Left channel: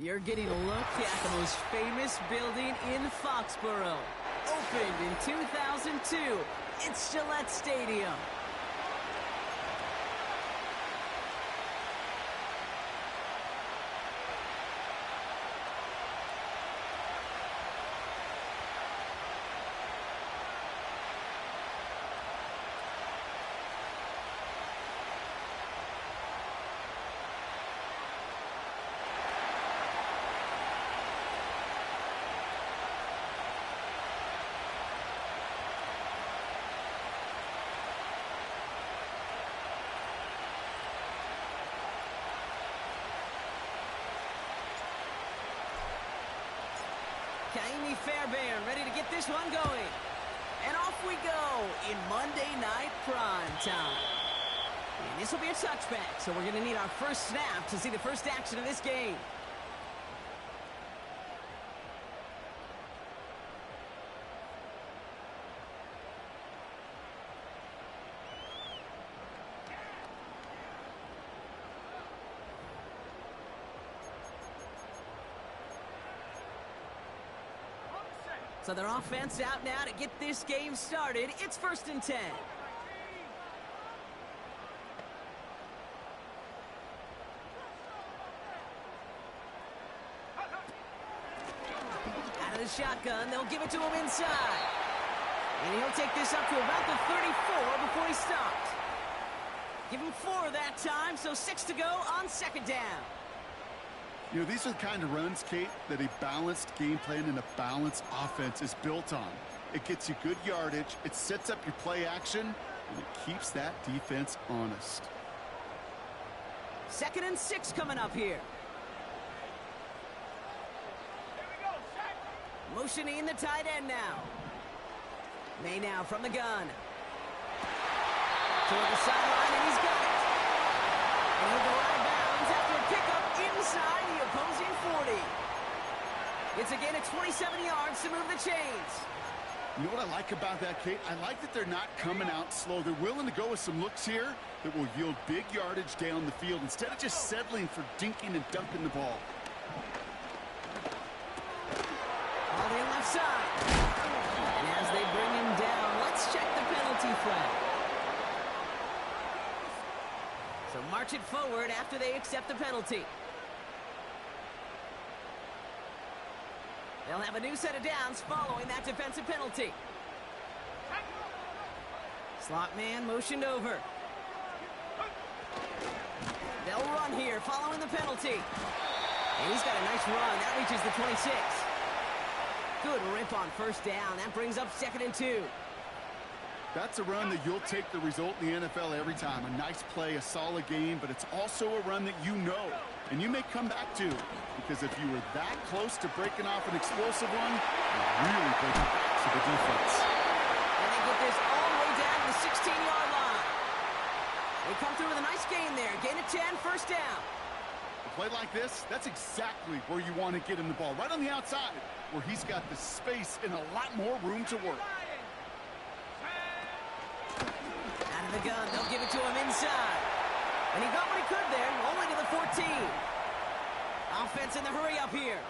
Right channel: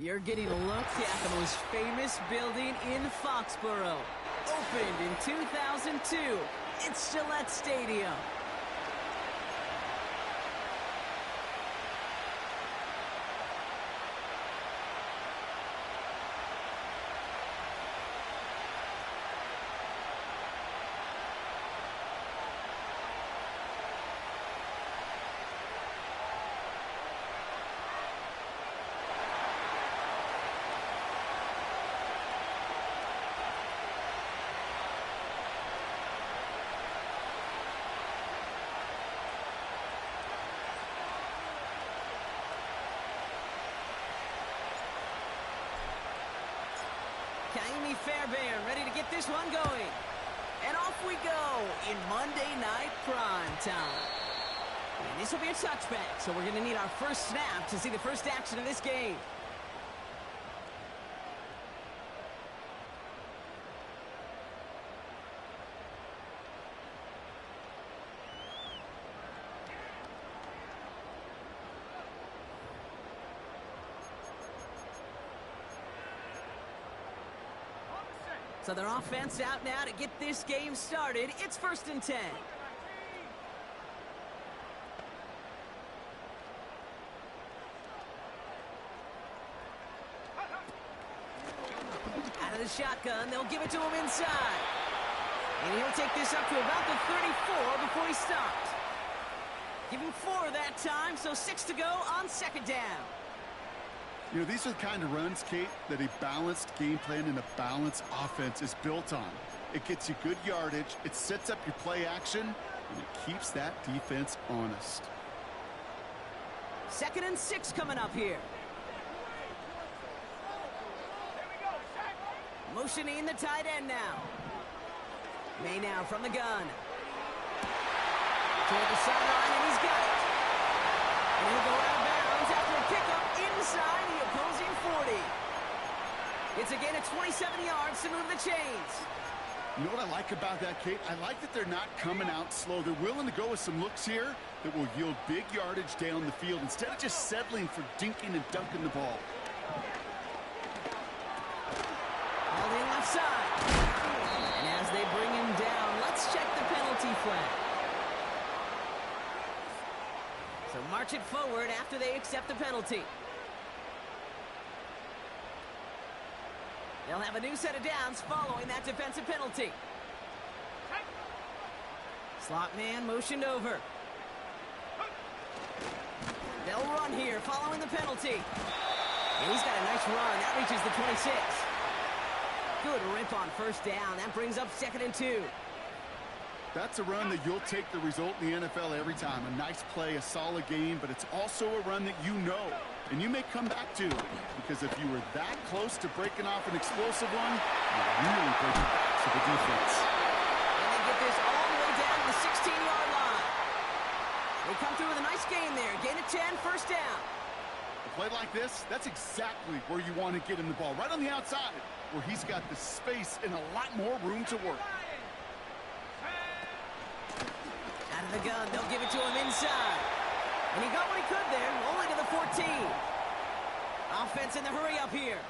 You're getting a look at the most famous building in Foxborough. Opened in 2002, it's Gillette Stadium. Kaimi Fairbairn ready to get this one going. And off we go in Monday Night Prime Time. And this will be a touchback, so we're going to need our first snap to see the first action of this game. So their offense out now to get this game started. It's 1st and 10. Out of the shotgun, they'll give it to him inside. And he'll take this up to about the 34 before he stopped. Give him 4 that time, so 6 to go on 2nd down. You know, these are the kind of runs, Kate, that a balanced game plan and a balanced offense is built on. It gets you good yardage, it sets up your play action, and it keeps that defense honest. 2nd and 6 coming up here. Motioning the tight end now. May now from the gun. Toward the sideline, and he's got it. And he'll go out of bounds after a pickup inside the opposing 40. It's a gain of 27 yards to move the chains. You know what I like about that, Kate? I like that they're not coming out slow. They're willing to go with some looks here that will yield big yardage down the field instead of just settling for dinking and dunking the ball. All the left side. And as they bring him down, let's check the penalty flag. So march it forward after they accept the penalty. They'll have a new set of downs following that defensive penalty. Slot man motioned over. They'll run here following the penalty. And he's got a nice run. That reaches the 26. Good rip on 1st down. That brings up 2nd and 2. That's a run that you'll take the result in the NFL every time. A nice play, a solid game, but it's also a run that you know and you may come back to, because if you were that close to breaking off an explosive one, you really break it back to the defense. And they get this all the way down to the 16-yard line. They come through with a nice gain there. Gain of 10, 1st down. A play like this, that's exactly where you want to get him the ball, right on the outside, where he's got the space and a lot more room to work. Out of the gun, they'll give it to him inside. And he got what he could there, only to the 14. Offense in the hurry up here.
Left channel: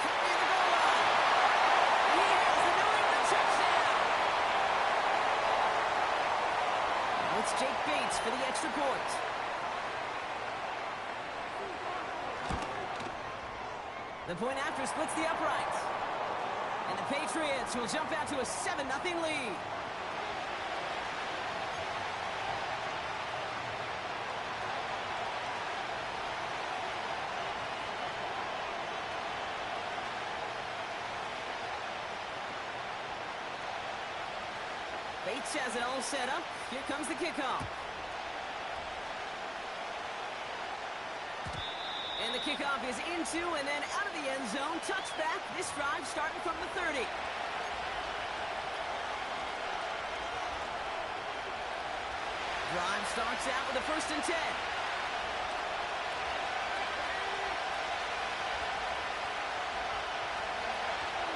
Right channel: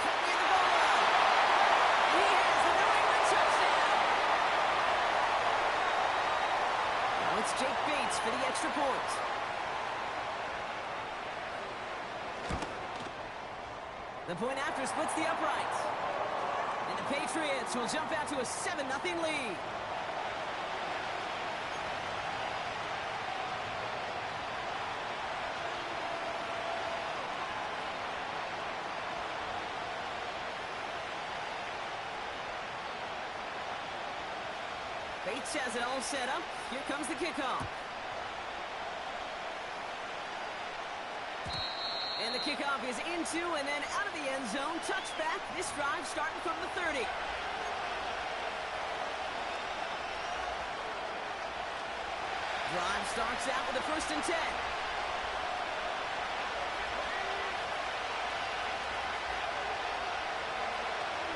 Cut near the goal line. And he has the New England touchdown. Now it's Jake Bates for the extra point. The point after splits the uprights. And the Patriots will jump out to a 7-0 lead. Bates has it all set up. Here comes the kickoff. And the kickoff is into and then out of the end zone. Touchback. This drive starting from the 30. Drive starts out with a 1st and 10.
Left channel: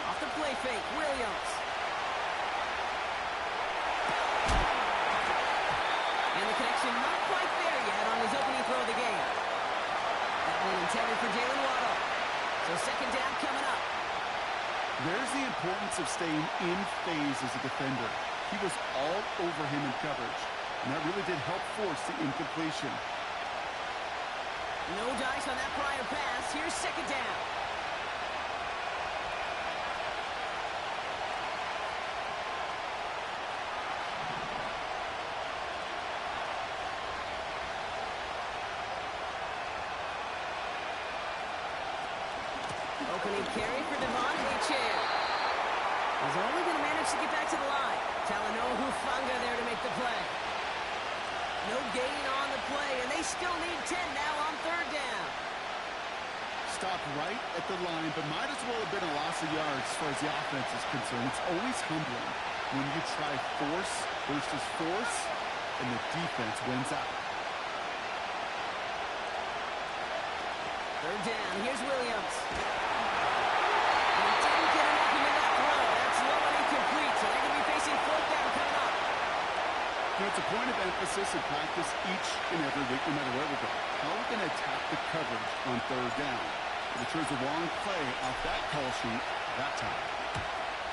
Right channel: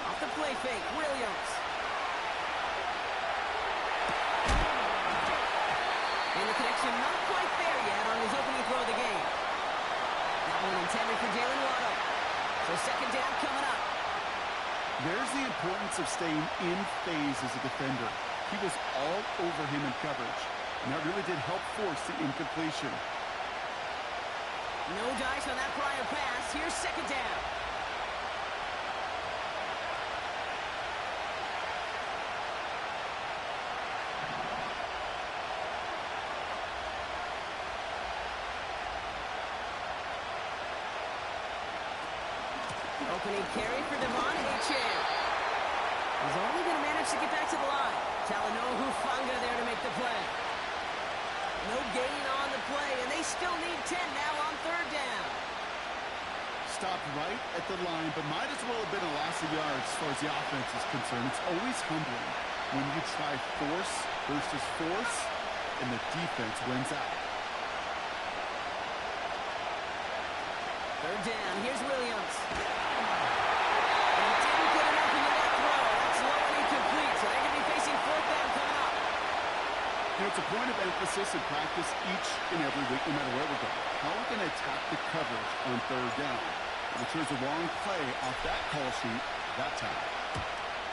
Off the play fake, Williams. And the connection motion not quite there yet on his opening throw of the game. That one intended for Jalen Waddle. So second down coming up. There's the importance of staying in phase as a defender. He was all over him in coverage, and that really did help force the incompletion. No dice on that prior pass. Here's second down. Opening carry for Devon Achane. He's only going to manage to get back to the line. Talanoa Hufanga there to make the play. No gain on the play, and they still need 10 now on third down. Stopped right at the line, but might as well have been a loss of yards as far as the offense is concerned. It's always humbling when you try force versus force, and the defense wins out. Third down, here's Williams. And he didn't get enough into that throw. That's low and incomplete, so they're going to be facing fourth down coming up. You know, it's a point of emphasis in practice each and every week, no matter where we go. How are we going to attack the coverage on third down? If we chose the wrong play off that call sheet that time.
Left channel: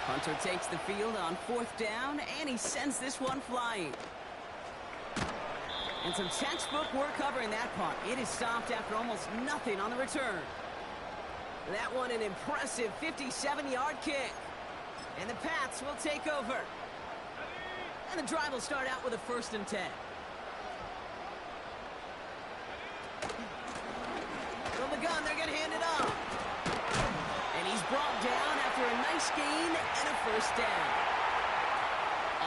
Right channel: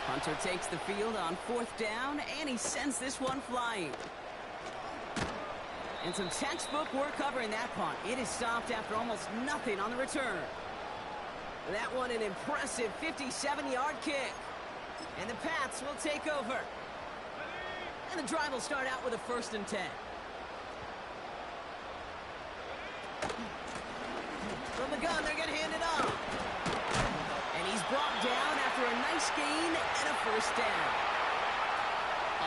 Hunter takes the field on fourth down, and he sends this one flying. And some textbook work covering that punt. It is stopped after almost nothing on the return. That one an impressive 57-yard kick. And the Pats will take over. And the drive will start out with a 1st and 10. From the gun, they're going to hand it off. And he's brought down after a nice gain and a 1st down.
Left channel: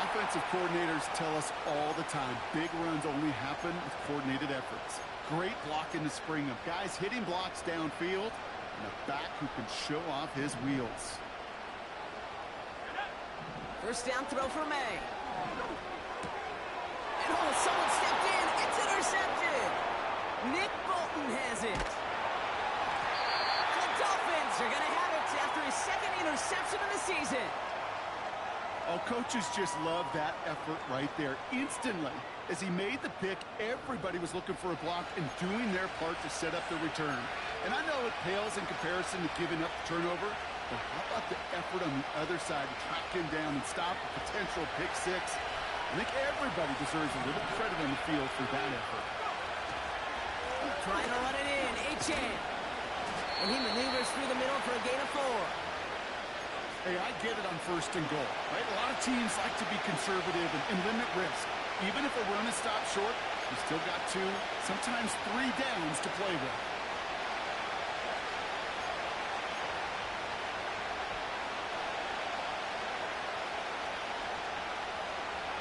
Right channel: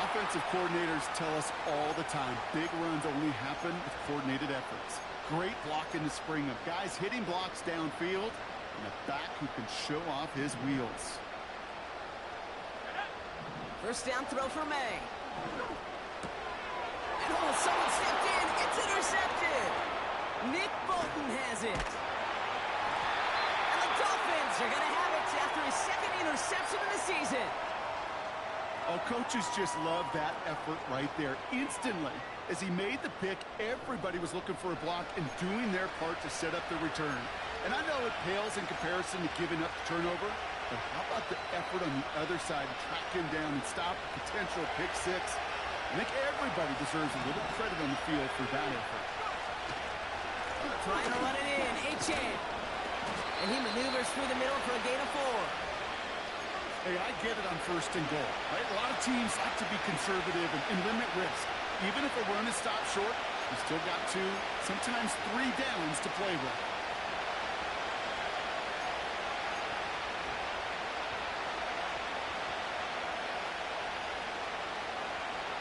Offensive coordinators tell us all the time, big runs only happen with coordinated efforts. Great block in the spring of guys hitting blocks downfield and a back who can show off his wheels. 1st down throw for May. And oh, someone stepped in. It's intercepted. Nick Bolton has it. And the Dolphins are going to have it after his 2nd interception of the season. Oh, coaches just love that effort right there. Instantly, as he made the pick, everybody was looking for a block and doing their part to set up the return. And I know it pales in comparison to giving up the turnover, but how about the effort on the other side to track him down and stop a potential pick six? I think everybody deserves a little credit on the field for that effort. Trying to run it in, Achane. And he maneuvers through the middle for a gain of 4. Hey, I get it on 1st and goal, right? A lot of teams like to be conservative and limit risk. Even if a run is stopped short, you still got 2, sometimes 3 downs to play with.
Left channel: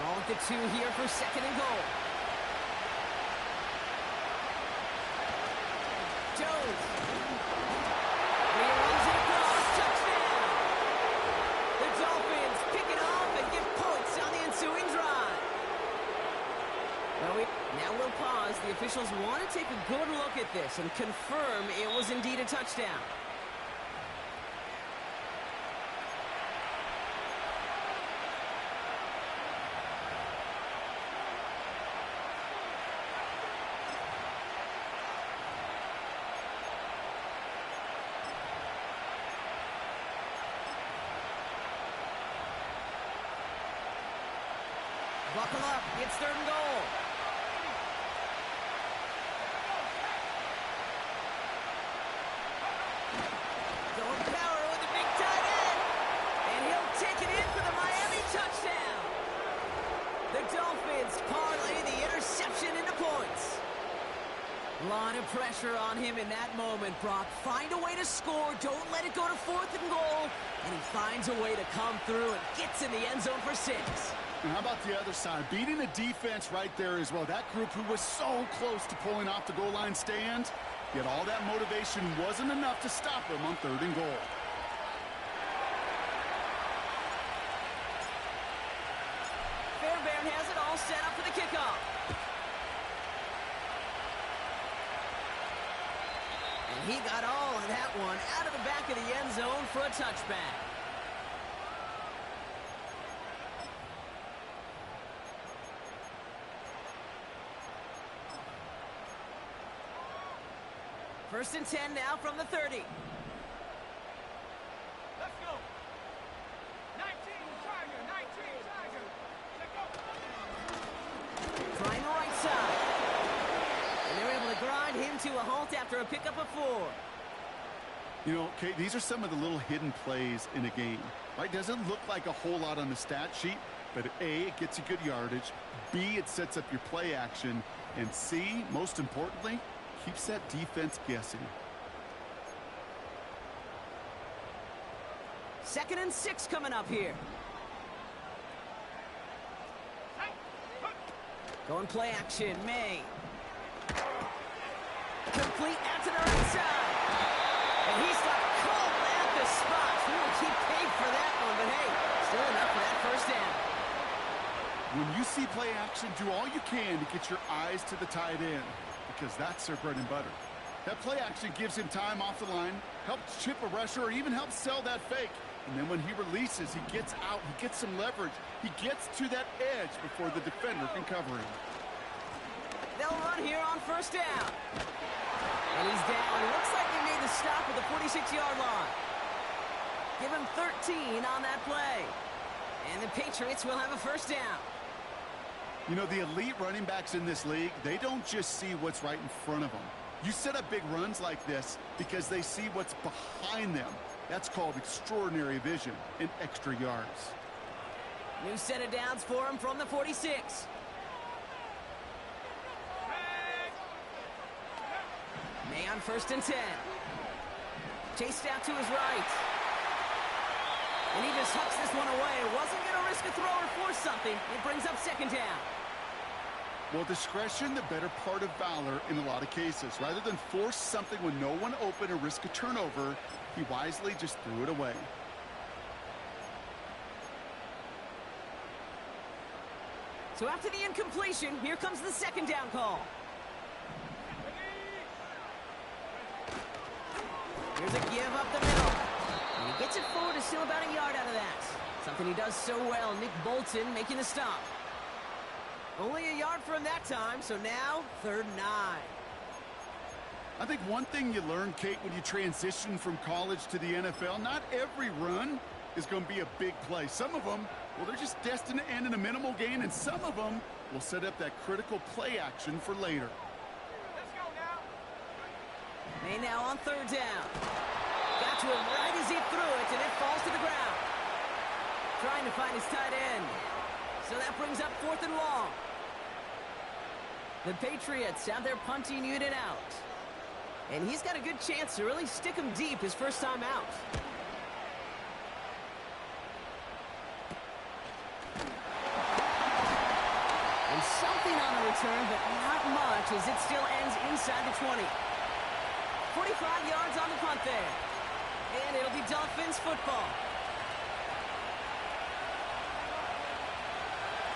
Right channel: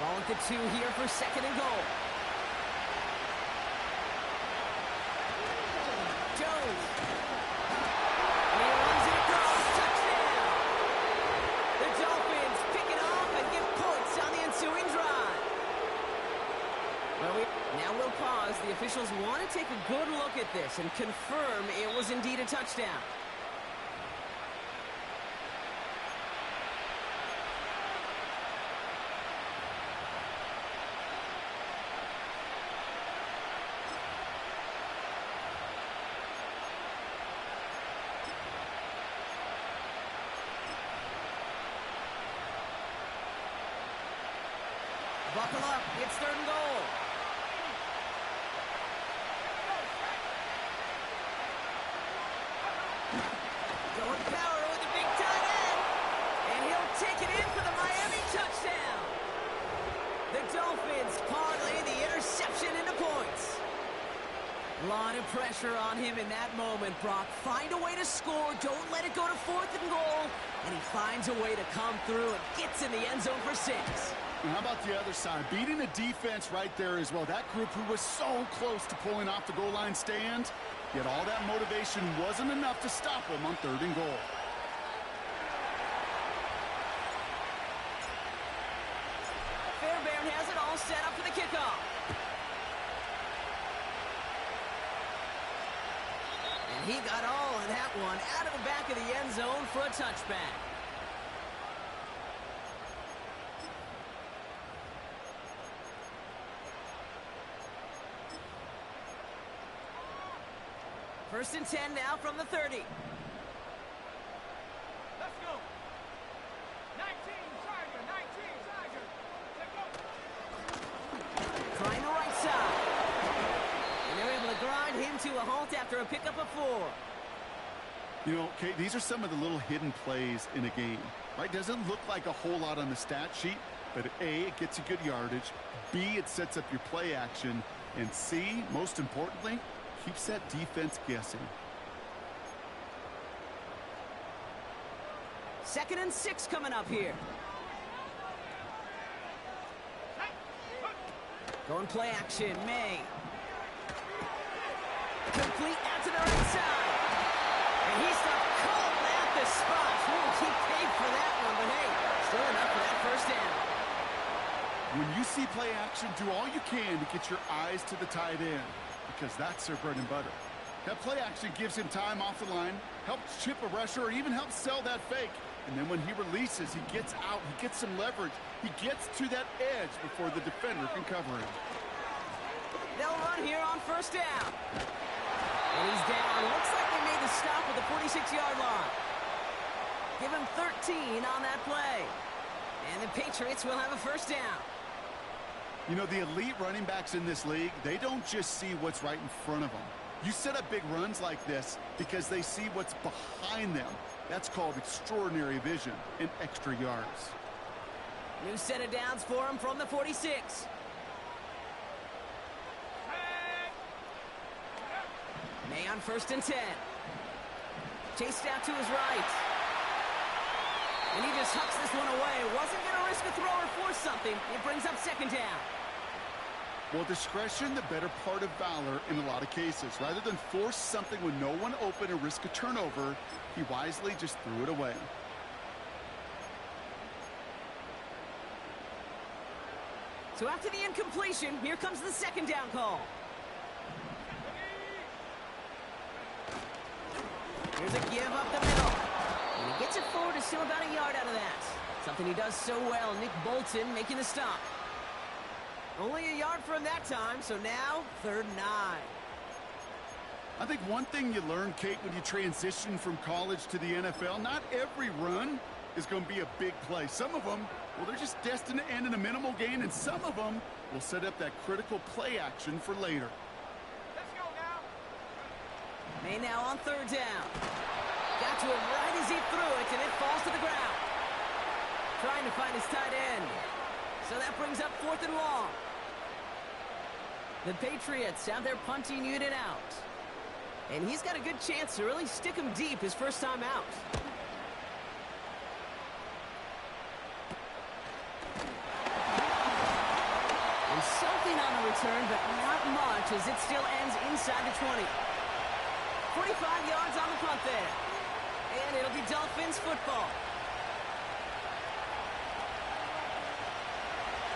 Ball at the 2 here for 2nd and goal. Jones. He runs it across. Touchdown. The Dolphins pick it off and get points on the ensuing drive. Well, now we'll pause. The officials want to take a good look at this and confirm it was indeed a touchdown. Buckle up. It's 3rd and goal. Going power with the big tight end. And he'll take it in for the Miami touchdown. The Dolphins parlay the interception into points. A lot of pressure on him in that moment, Brock. Find a way to score. Don't let it go to 4th and goal. And he finds a way to come through and gets in the end zone for 6. And how about the other side? Beating a defense right there as well. That group who was so close to pulling off the goal line stand, yet all that motivation wasn't enough to stop him on 3rd and goal. Fairbairn has it all set up for the kickoff. And he got all of that one out of the back of the end zone for a touchback. First and 10 now from the 30. Let's go. 19 Tiger, 19 Tiger. Let's go. Trying the right side. And they're able to grind him to a halt after a pickup of 4. You know, Kate, these are some of the little hidden plays in a game, right? Doesn't look like a whole lot on the stat sheet, but A, it gets you good yardage, B, it sets up your play action, and C, most importantly, keeps that defense guessing. 2nd and 6 coming up here. Going play action, May. Complete out to the right side. And he stopped cold at the spot. We will keep paid for that one, but hey, still enough for that first down. When you see play action, do all you can to get your eyes to the tight end, because that's their bread and butter. That play action gives him time off the line, helps chip a rusher, or even helps sell that fake. And then when he releases, he gets out, he gets some leverage, he gets to that edge before the defender can cover him. They'll run here on first down. And he's down. Looks like they made the stop at the 46-yard line. Give him 13 on that play. And the Patriots will have a first down. You know, the elite running backs in this league, they don't just see what's right in front of them. You set up big runs like this because they see what's behind them. That's called extraordinary vision and extra yards. New set of downs for him from the 46. May on first and 10. Chased out to his right. And he just hucks this one away. Wasn't going to risk a throw or force something. It brings up second down. Well, discretion, the better part of valor in a lot of cases. Rather than force something when no one open or risk a turnover, he wisely just threw it away. So after the incompletion, here comes the second down call. Here's a give up the middle. And he gets it forward to steal about a yard out of that. Something he does so well. Nick Bolton making the stop. Only a yard for him that time, so now 3rd and 9. I think one thing you learn, Kate, when you transition from college to the NFL, not every run is going to be a big play. Some of them, well, they're just destined to end in a minimal gain, and some of them will set up that critical play action for later. Let's go now. May now on 3rd down. Got to him right as he threw it, and it falls to the ground. Trying to find his tight end. So that brings up 4th and long. The Patriots have their punting unit out. And he's got a good chance to really stick him deep his first time out. And something on the return, but not much as it still ends inside the 20. 45 yards on the punt there. And it'll be Dolphins football.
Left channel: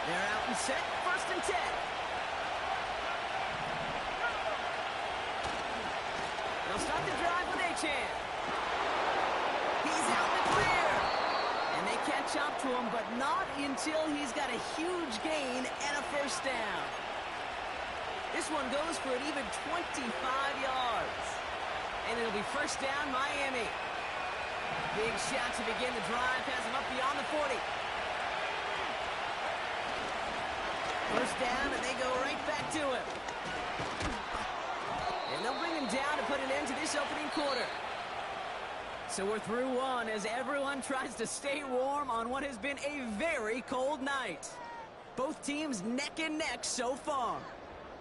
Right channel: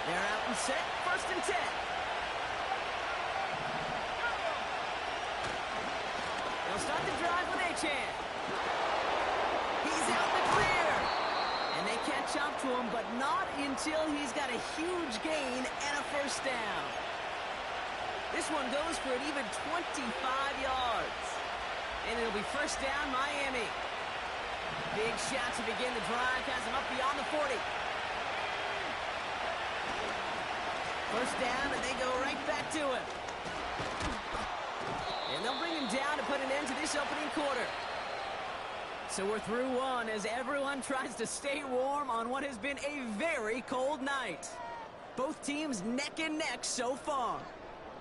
They're out and set, 1st and 10. They'll start the drive with Achane. He's out in the clear. And they catch up to him, but not until he's got a huge gain and a first down. This one goes for an even 25 yards. And it'll be first down, Miami. Big shot to begin the drive, has him up beyond the 40. First down, and they go right back to him. And they'll bring him down to put an end to this opening quarter. So we're through one as everyone tries to stay warm on what has been a very cold night. Both teams neck and neck so far.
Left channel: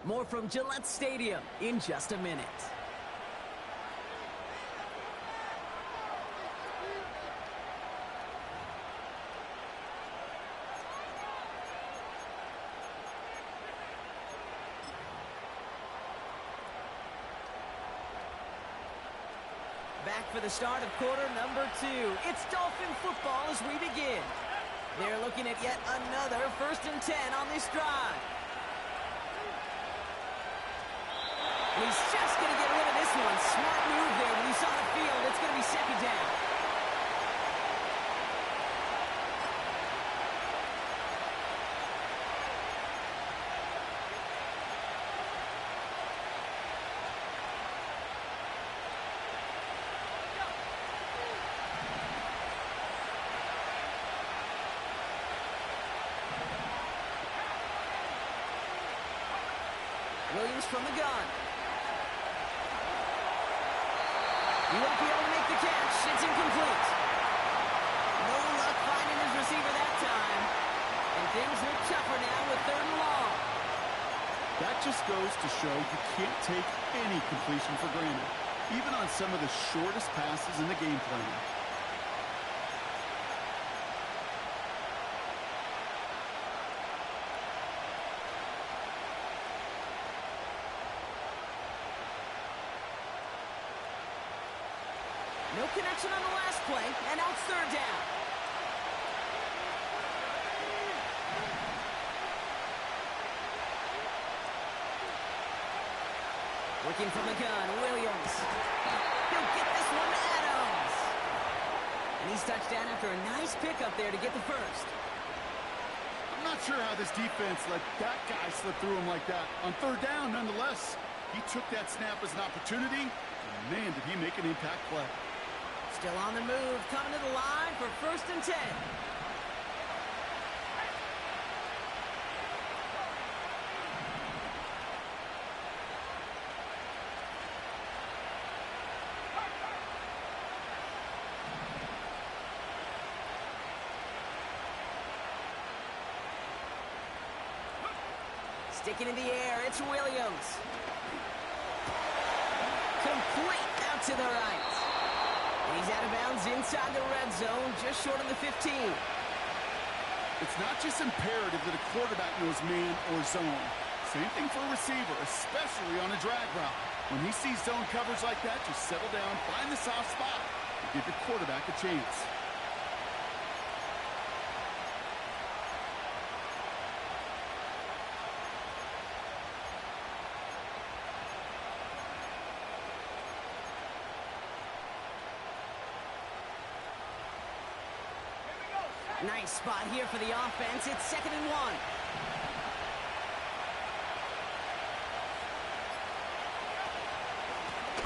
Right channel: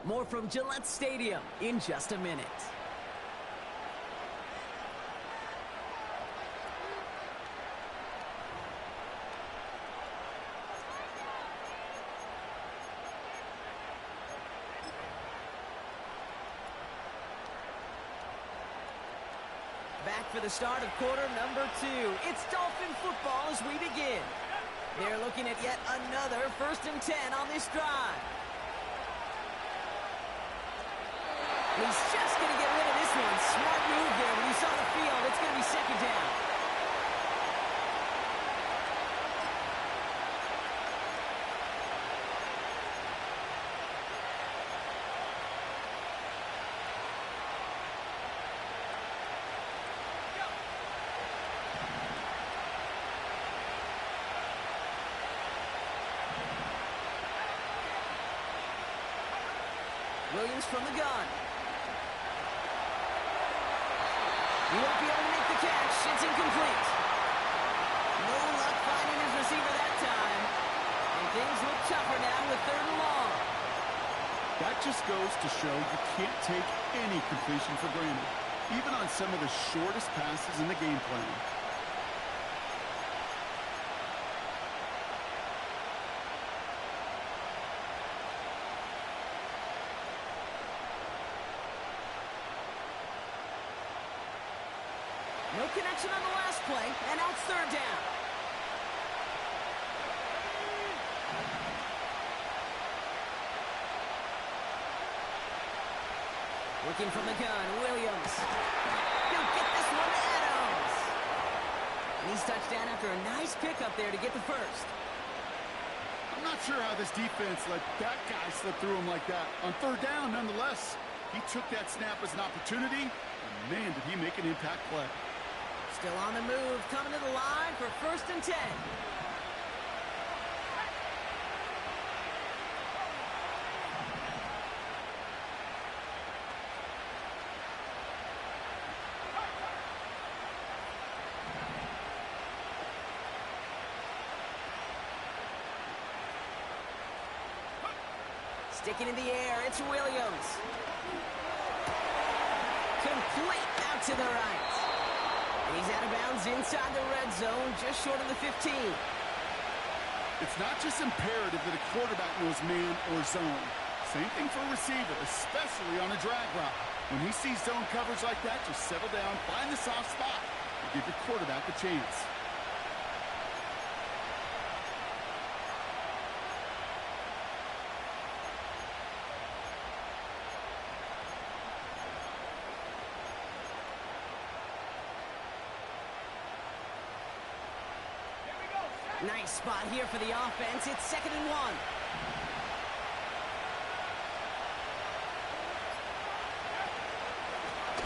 More from Gillette Stadium in just a minute. Back for the start of quarter number 2. It's Dolphin football as we begin. They're looking at yet another 1st and 10 on this drive. And he's just going to get rid of this one. Smart move there when he saw the field. It's going to be second down. Williams from the gun. He won't be able to make the catch. It's incomplete. No luck finding his receiver that time. And things look tougher now with 3rd and long. That just goes to show you can't take any completion for granted, even on some of the shortest passes in the game plan. No connection on the last play, and now it's 3rd down. Working from the gun, Williams. He'll get this one to Adams. And he's touched down after a nice pickup there to get the first. I'm not sure how this defense let that guy slip through him like that. On 3rd down, nonetheless, he took that snap as an opportunity, and man, did he make an impact play. Still on the move, coming to the line for 1st and 10. Sticking in the air, it's Williams. Complete out to the right. And he's out of bounds inside the red zone, just short of the 15. It's not just imperative that a quarterback knows man or zone. Same thing for a receiver, especially on a drag route. When he sees zone coverage like that, just settle down, find the soft spot, and give your quarterback a chance. Nice spot here for the offense. It's 2nd and 1.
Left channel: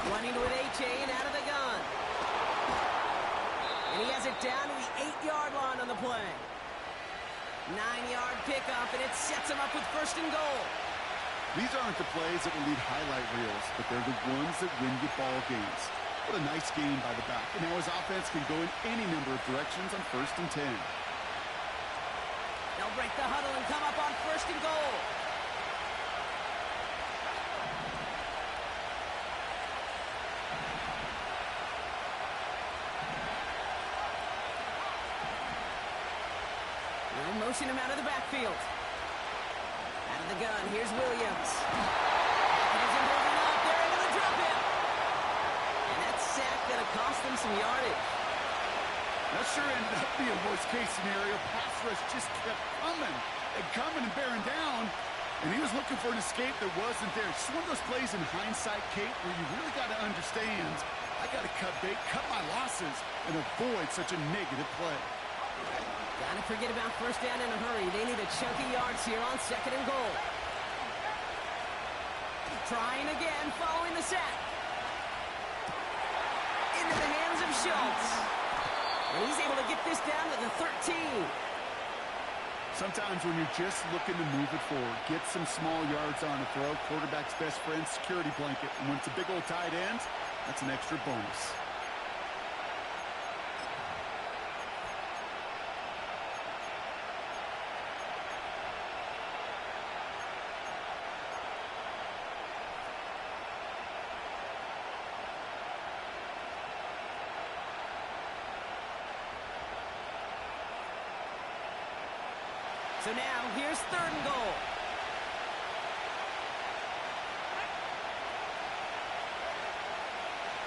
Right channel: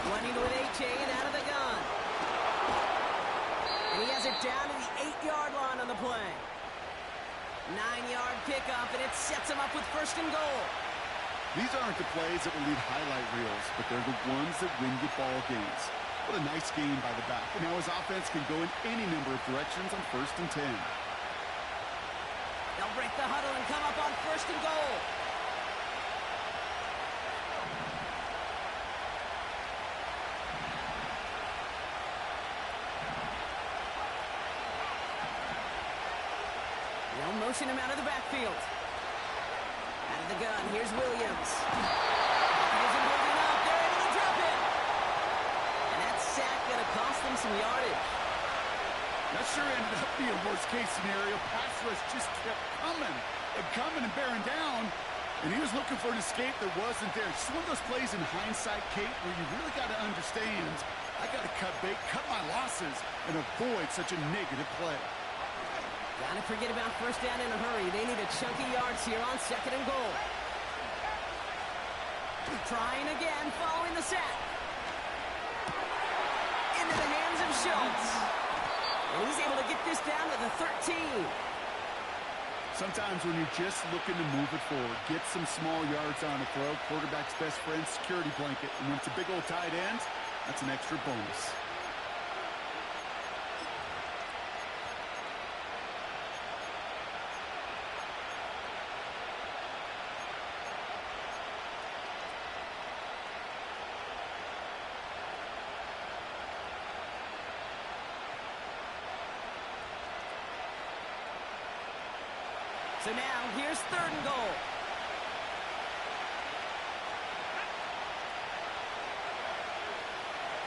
Running with H.A. and out of the gun. And he has it down to the 8-yard line on the play. 9-yard pickup, and it sets him up with 1st and goal. These aren't the plays that will lead highlight reels, but they're the ones that win you ball games. What a nice game by the back. And now his offense can go in any number of directions on 1st and 10. They'll break the huddle and come up on 1st and goal. They'll motion him out of the backfield. Out of the gun, here's Williams. He isn't holding up. They're able to drop him. And that sack going to cost them some yardage. That sure ended up being a worst-case scenario. Pass rush just kept coming and bearing down, and he was looking for an escape that wasn't there. Just one of those plays in hindsight, Kate, where you really got to understand, I got to cut bait, cut my losses, and avoid such a negative play. Gotta forget about 1st down in a hurry. They need a chunky yards here on 2nd and goal. Trying again, following the sack. Into the hands of Schultz. And he's able to get this down to the 13. Sometimes when you're just looking to move it forward, get some small yards on a throw, quarterback's best friend, security blanket. And when it's a big old tight end, that's an extra bonus. So now, here's 3rd and goal.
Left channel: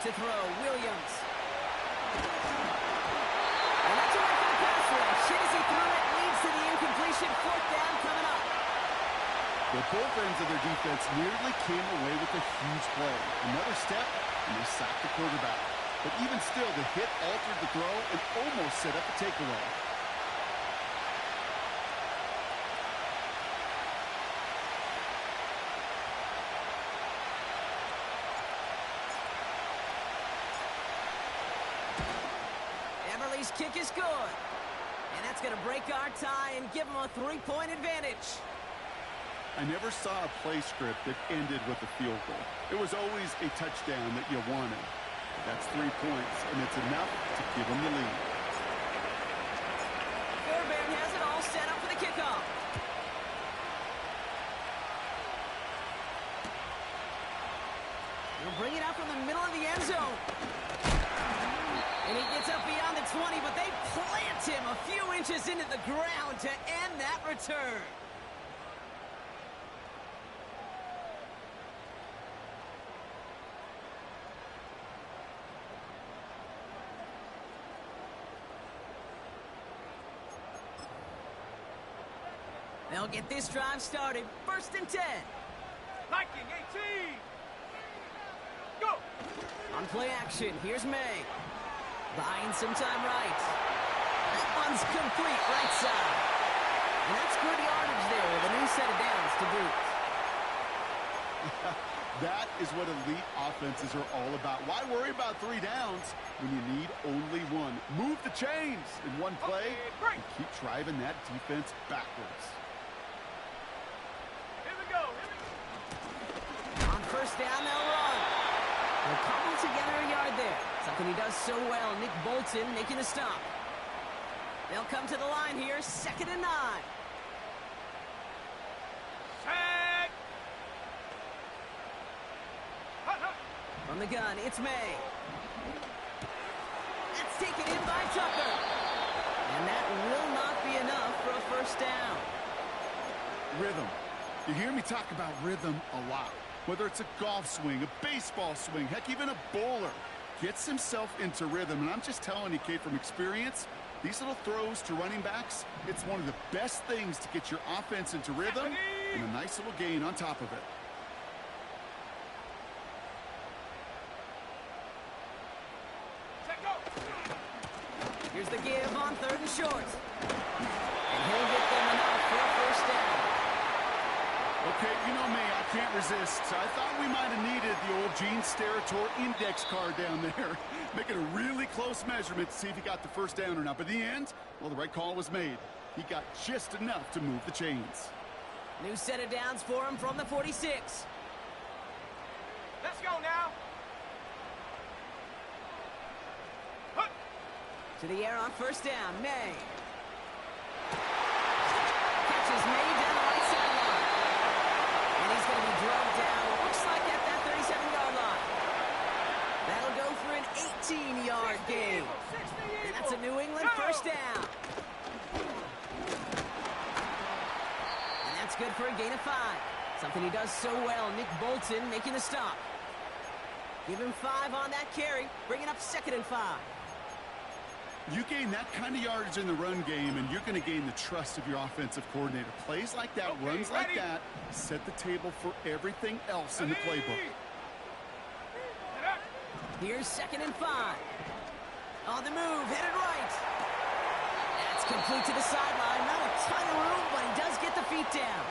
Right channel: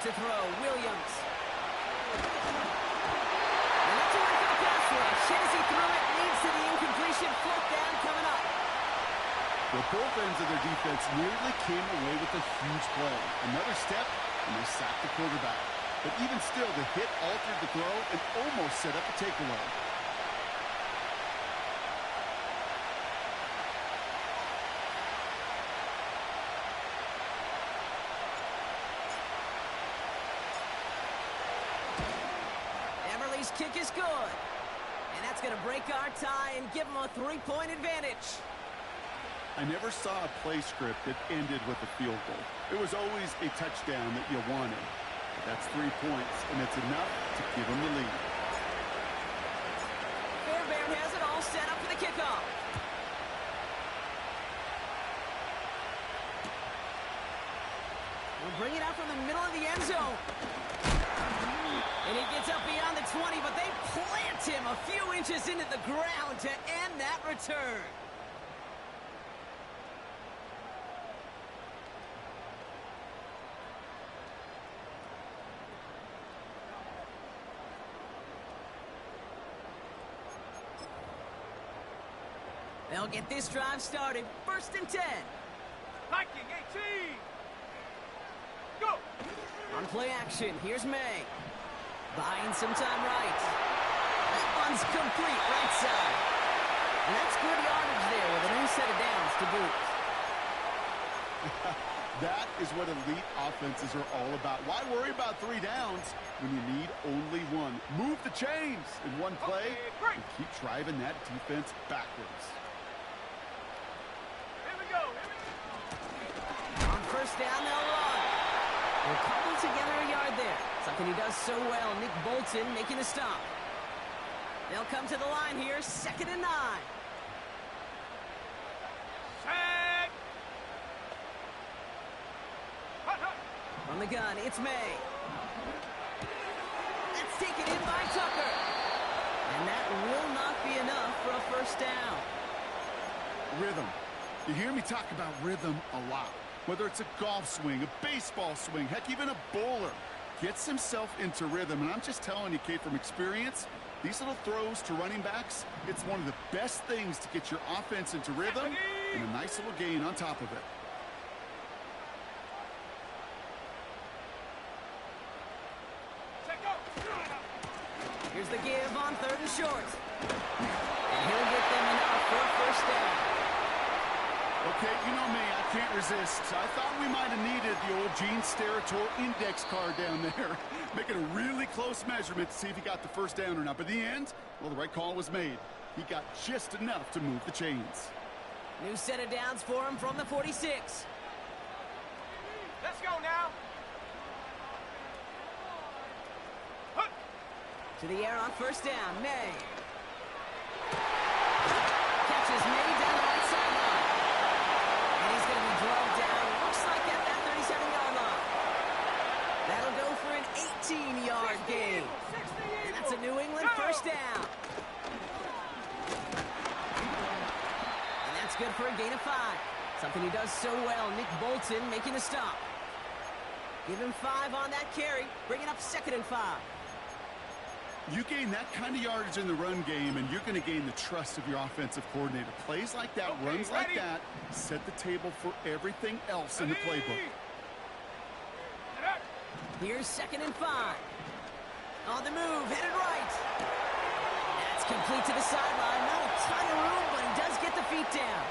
To throw, Williams. And that's a win for the pass rush. Hit as he threw it, leads to the incompletion. 4th down coming up. Well, both ends of their defense nearly came away with a huge play. Another step, and they sacked the quarterback. But even still, the hit altered the throw and almost set up a takeaway. Everly's kick is good. And that's going to break our tie and give them a 3-point advantage. I never saw a play script that ended with a field goal. It was always a touchdown that you wanted. But that's 3 points, and it's enough to give them the lead. Fairbairn has it all set up for the kickoff. He'll bring it out from the middle of the end zone. And he gets up beyond the 20, but they plant him a few inches into the ground to end that return. They'll get this drive started. 1st and 10. Viking 18. Go. On play action, here's May. Buying some time right. That one's complete right side. And that's good yardage there with a new set of downs to boot. That is what elite offenses are all about. Why worry about 3 downs when you need only 1? Move the chains in one play and keep driving that defense backwards. Here we go. On 1st down, they'll run. They'll cobble together a yard there. Something he does so well. Nick Bolton making the stop. They'll come to the line here. 2nd and 9. Sack. Hut, hut. From the gun, it's May. That's taken in by Tucker. And that will not be enough for a 1st down. Rhythm. You hear me talk about rhythm a lot. Whether it's a golf swing, a baseball swing, heck, even a bowler gets himself into rhythm. And I'm just telling you, Kate, from experience, these little throws to running backs, it's one of the best things to get your offense into rhythm and a nice little gain on top of it. Set go. Here's the give on 3rd and short. And he'll get them enough for a 1st down. Okay, you know me, I can't resist. I thought we might have needed the old Gene Steratore index card down there. Making a really close measurement to see if he got the 1st down or not. But in the end, well, the right call was made. He got just enough to move the chains. New set of downs for him from the 46. Let's go now. Hut. To the air on 1st down, May. Catches May down the right sideline. And he's going to be drugged down, looks like at that 37-yard line. That'll go for an 18-yard gain. And that's a New England 1st down. And that's good for a gain of 5. Something he does so well, Nick Bolton making the stop. Give him 5 on that carry, bringing up 2nd and 5. You gain that kind of yardage in the run game, and you're going to gain the trust of your offensive coordinator. Plays like that, runs like that, set the table for everything else in the playbook. Here's 2nd and 5. On the move, headed right. That's complete to the sideline. Not a ton of room, but he does get the feet down.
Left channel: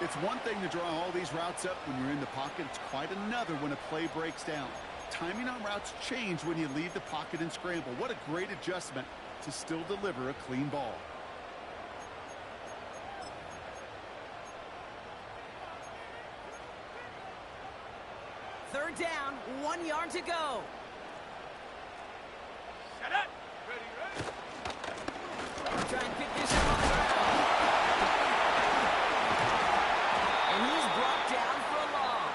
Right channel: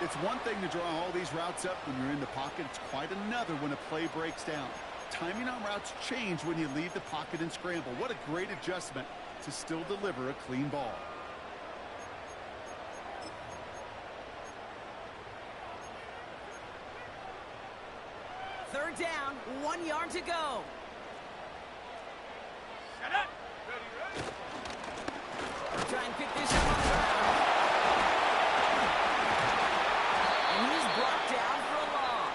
It's one thing to draw all these routes up when you're in the pocket. It's quite another when a play breaks down. Timing on routes change when you leave the pocket and scramble. What a great adjustment to still deliver a clean ball. Third down, 1 yard to go. Set up. Ready. Try and pick this up on the ground. And he's brought down for a loss.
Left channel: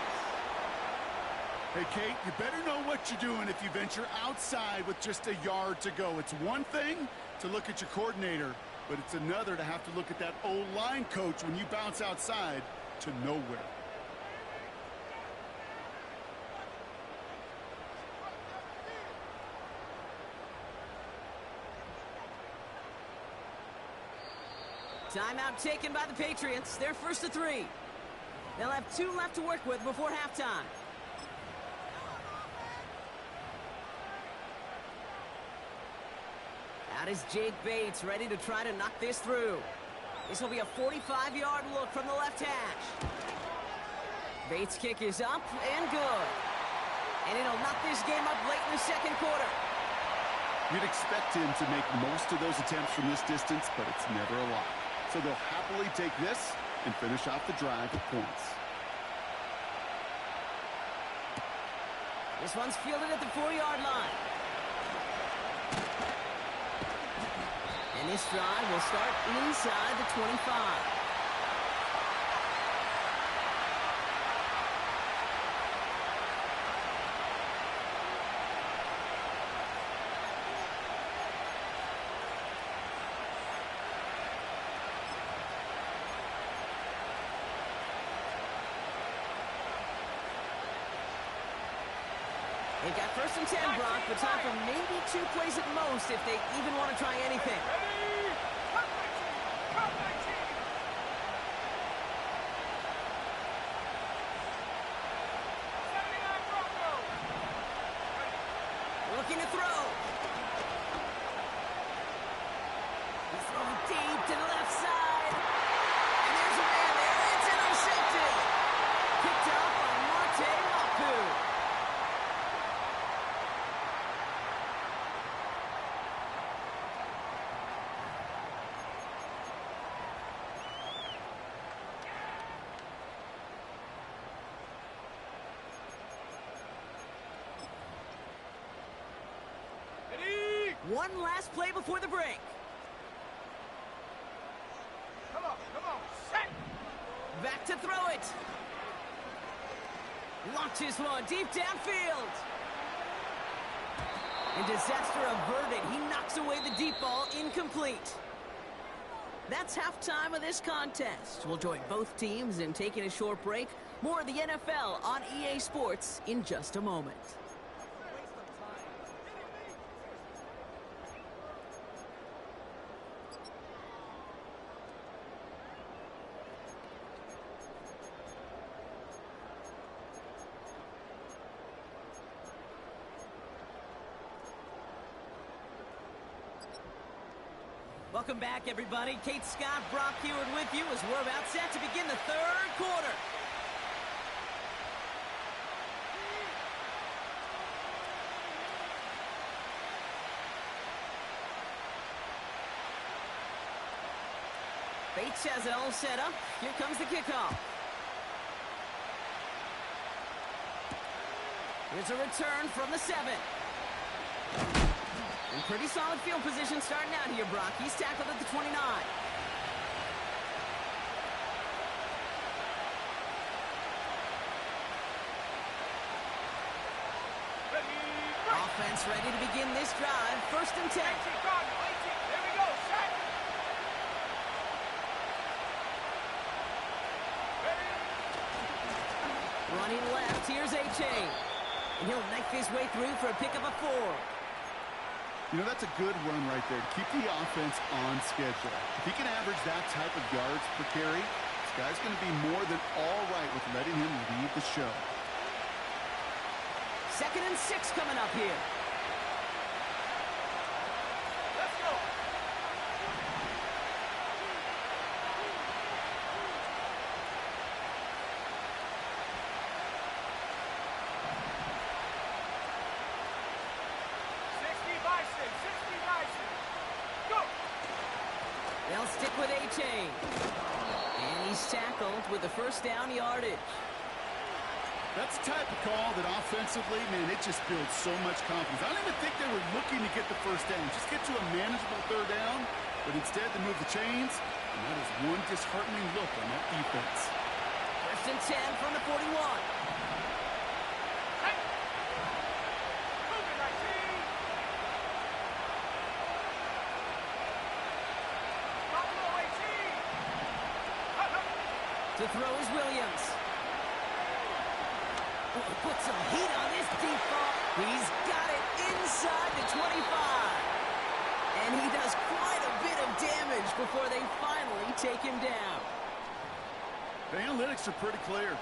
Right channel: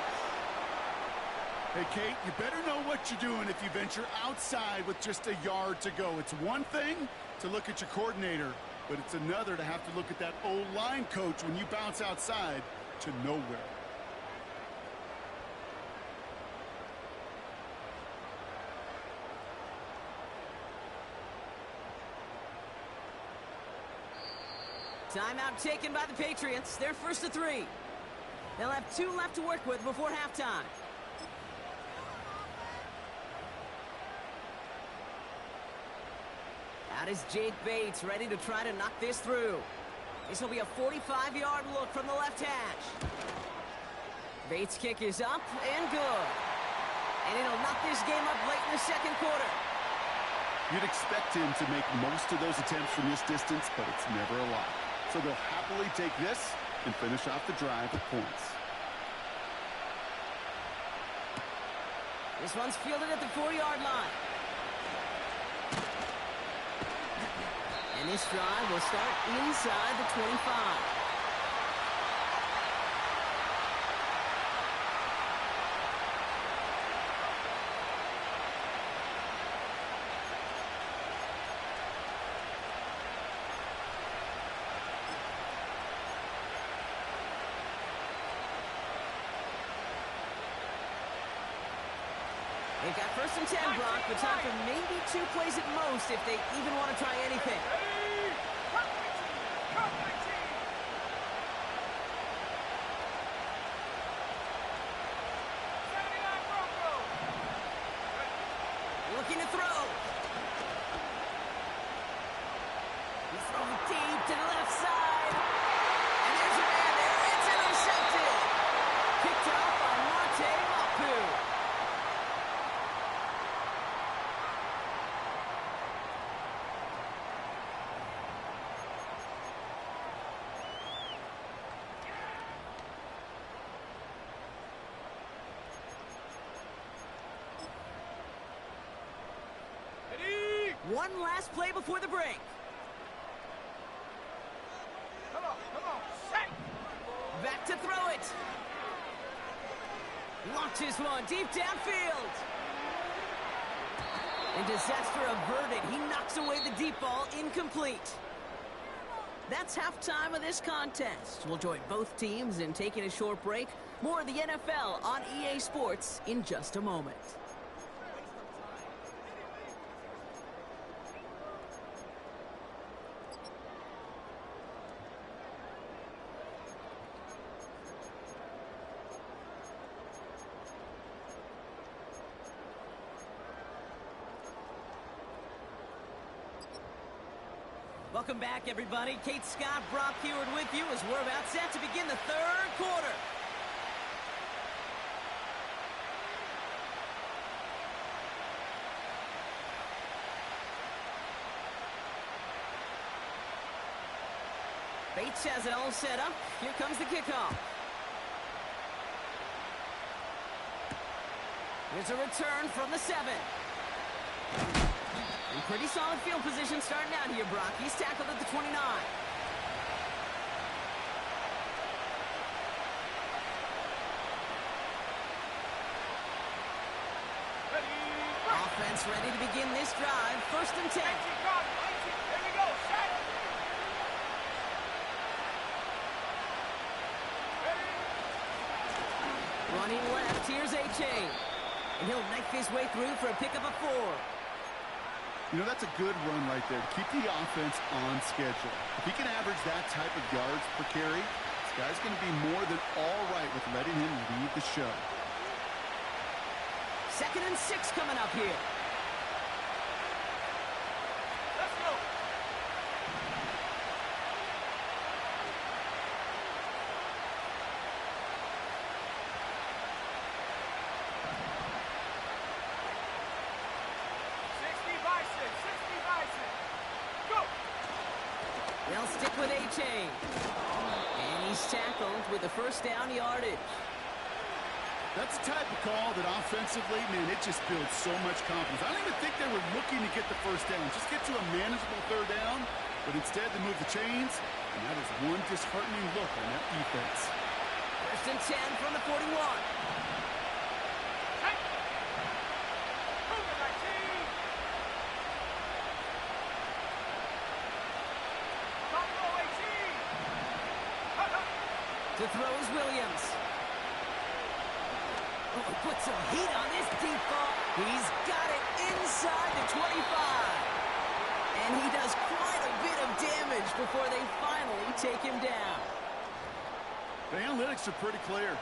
Hey, Kate, you better know what you're doing if you venture outside with just a yard to go. It's one thing to look at your coordinator, but it's another to have to look at that O-line coach when you bounce outside to nowhere. Timeout taken by the Patriots. They're 1st and 3. They'll have 2 left to work with before halftime. Out is Jake Bates, ready to try to knock this through. This will be a 45-yard look from the left hash. Bates' kick is up and good. And it'll knock this game up late in the 2nd quarter. You'd expect him to make most of those attempts from this distance, but it's never a lot. So they'll happily take this and finish off the drive with points. This one's fielded at the 4-yard line. And this drive will start inside the 25. They've got 1st and 10, Brock, but time for maybe 2 plays at most if they even want to try anything. Ready? Cut 19! Cut 19! '79 Broncos! Ready? Looking to throw. He's throwing deep to the left side. And there's a man there. It's intercepted. Picked up by Marte Mapu. Ready? One last play before the break. Come on, set! Back to throw it. Launches one deep downfield. And disaster averted. He knocks away the deep ball, incomplete. That's halftime of this contest. We'll join both teams in taking a short break. More of the NFL on EA Sports in just a moment. Welcome back, everybody. Kate Scott, Brock Heward with you as we're about set to begin the 3rd quarter. Bates has it all set up. Here comes the kickoff. Here's a return from the 7. And pretty solid field position starting out here, Brock. He's tackled at the 29. Ready? Offense ready to begin this drive. 1st and 10. 18, Cardinal, 18. There we go, set! Ready? Running left, here's A-Chain. And he'll knife his way through for a pickup of 4. You know, that's a good run right there to keep the offense on schedule. If he can average that type of yards per carry, this guy's going to be more than all right with letting him lead the show. 2nd and 6 coming up here. Let's go! They'll stick with A-Chain. And he's tackled with the 1st down yardage. That's the type of call that offensively, man, it just builds so much confidence. I don't even think they were looking to get the 1st down. Just get to a manageable 3rd down. But instead, they move the chains. And that is one disheartening look on that defense. 1st and 10 from the 41. Cougar 19. Buffalo 18. To throw is Williams. Oh, put some heat on this deep ball. He's got it inside the 25. And he does quite a bit of damage before they finally take him down. The analytics are pretty clear.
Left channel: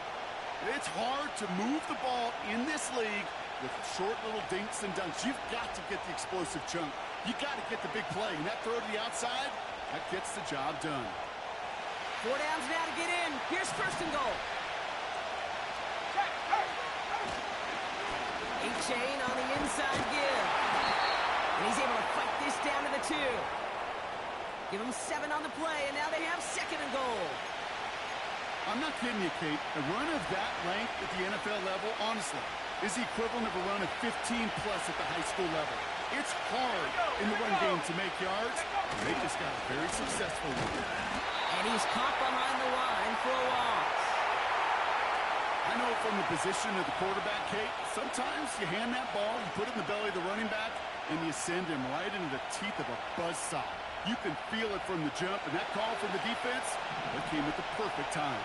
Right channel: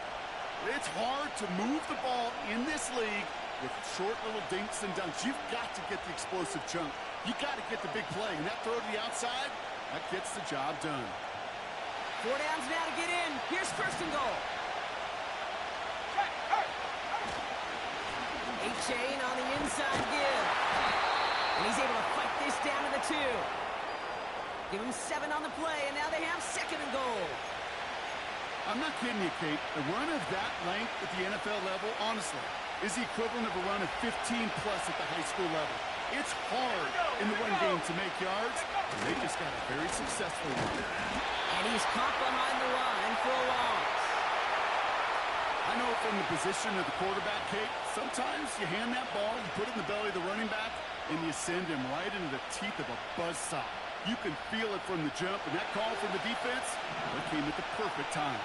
It's hard to move the ball in this league with short little dinks and dunks. You've got to get the explosive chunk. You've got to get the big play. And that throw to the outside, that gets the job done. 4 downs now to get in. Here's 1st and goal. A-Chain on the inside give. And he's able to fight this down to the 2. Give him 7 on the play, and now they have 2nd and goal. I'm not kidding you, Kate. A run of that length at the NFL level, honestly, is the equivalent of a run of 15-plus at the high school level. It's hard in the run game to make yards, and they just got a very successful one. And he's caught behind the line for a loss. I know from the position of the quarterback, Kate, sometimes you hand that ball, you put it in the belly of the running back, and you send him right into the teeth of a buzzsaw. You can feel it from the jump, and that call from the defense, well, it came at the perfect time.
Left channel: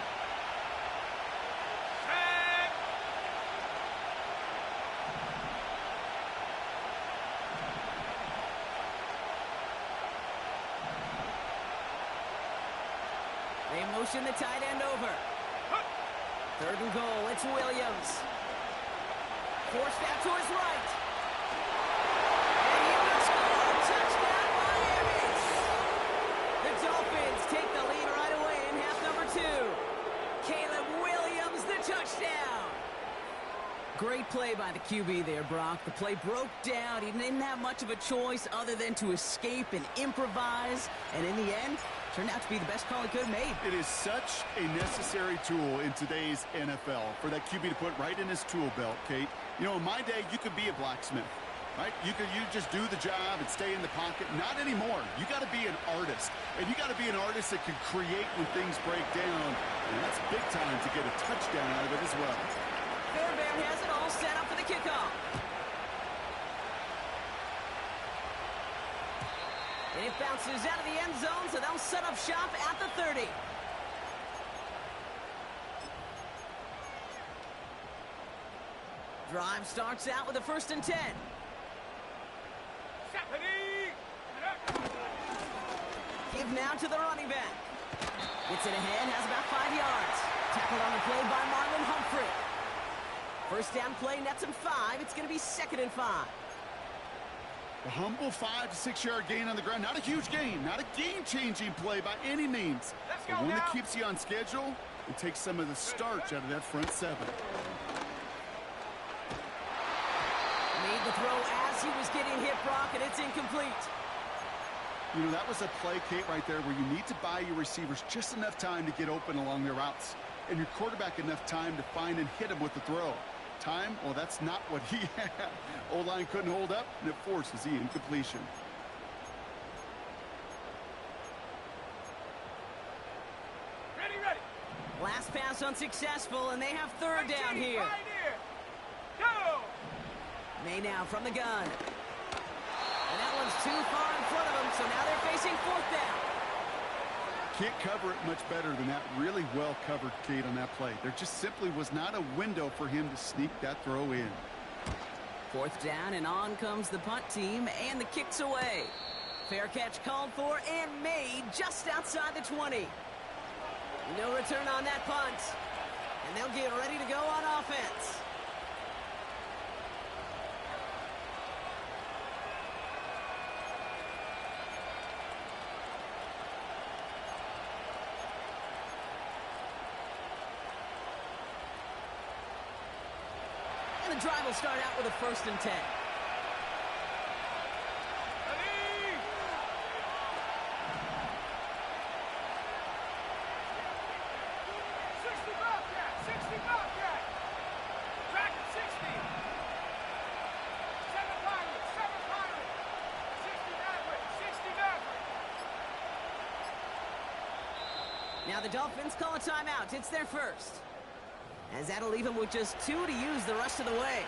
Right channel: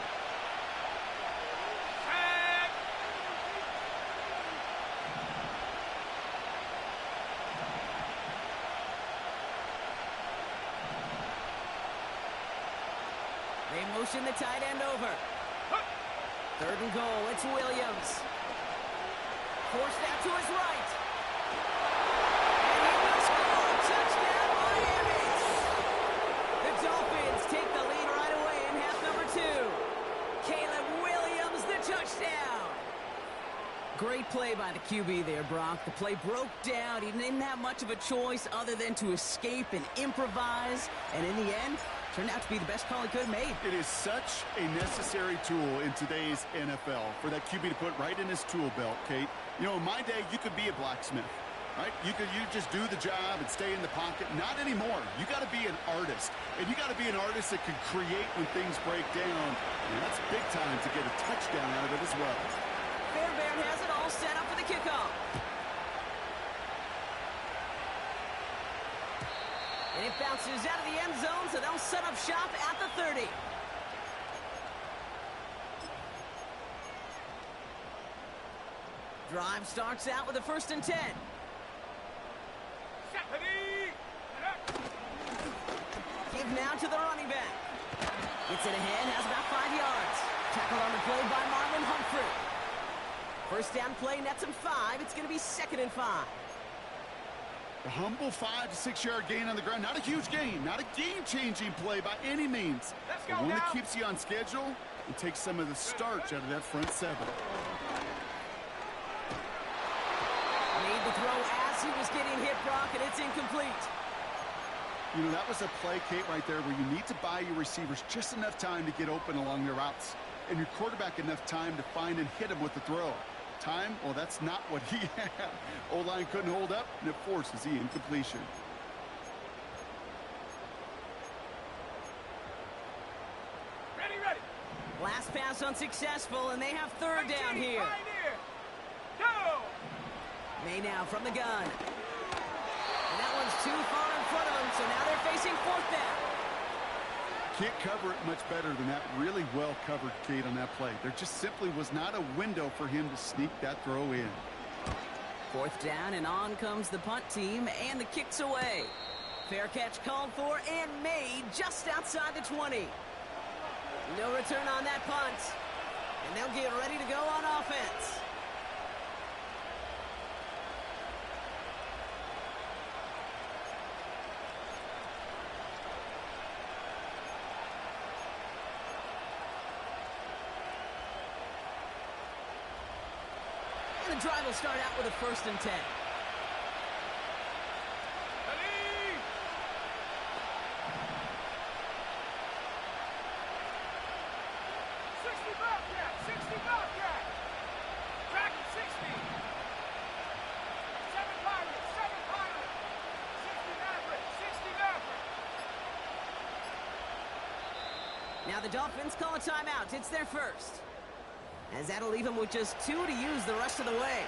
They motion the tight end over. 3rd and goal, it's Williams. Forced out to his right. And he will score. Touchdown, Miami. The Dolphins take the lead right away in half number 2. Caleb Williams, the touchdown. Great play by the QB there, Brock. The play broke down. He didn't have much of a choice other than to escape and improvise. And in the end, turned out to be the best call he could have made. It is such a necessary tool in today's NFL for that QB to put right in his tool belt, Kate. You know, in my day, you could be a blacksmith, right? You just do the job and stay in the pocket. Not anymore. You got to be an artist, and you got to be an artist that can create when things break down. And that's big time to get a touchdown out of it as well. Fairbairn has it all set up for the kickoff. And it bounces out of the end zone, so they'll set up shop at the 30. Drive starts out with a 1st and 10. Give now to the running back. Gets it ahead, has about 5 yards. Tackled on the play by Marlon Humphrey. 1st down play nets him 5. It's going to be 2nd and 5. The humble 5 to 6 yard gain on the ground. Not a huge gain, not a game-changing play by any means. But one that keeps you on schedule and takes some of the starch out of that front 7. Made the throw as he was getting hit, Brock, and it's incomplete. You know, that was a play, Kate, right there where you need to buy your receivers just enough time to get open along their routes. And your quarterback enough time to find and hit him with the throw. Time, well, that's not what he had. O-line couldn't hold up, and it forces the incompletion. Ready. Last pass unsuccessful, and they have 3rd down here. Go! May now from the gun. And that one's too far in front of him, so now they're facing 4th down. Can't cover it much better than that. Really well covered, Kate, on that play. There just simply was not a window for him to sneak that throw in. 4th down, and on comes the punt team, and the kick's away. Fair catch called for and made just outside the 20. No return on that punt. And they'll get ready to go on offense. And the drive will start out with a 1st and 10. Ready! 60 Bobcat! Track at 60! 7 Pirates! 60 Maverick! Now the Dolphins call a timeout. It's their first. As that'll leave him with just 2 to use the rest of the way.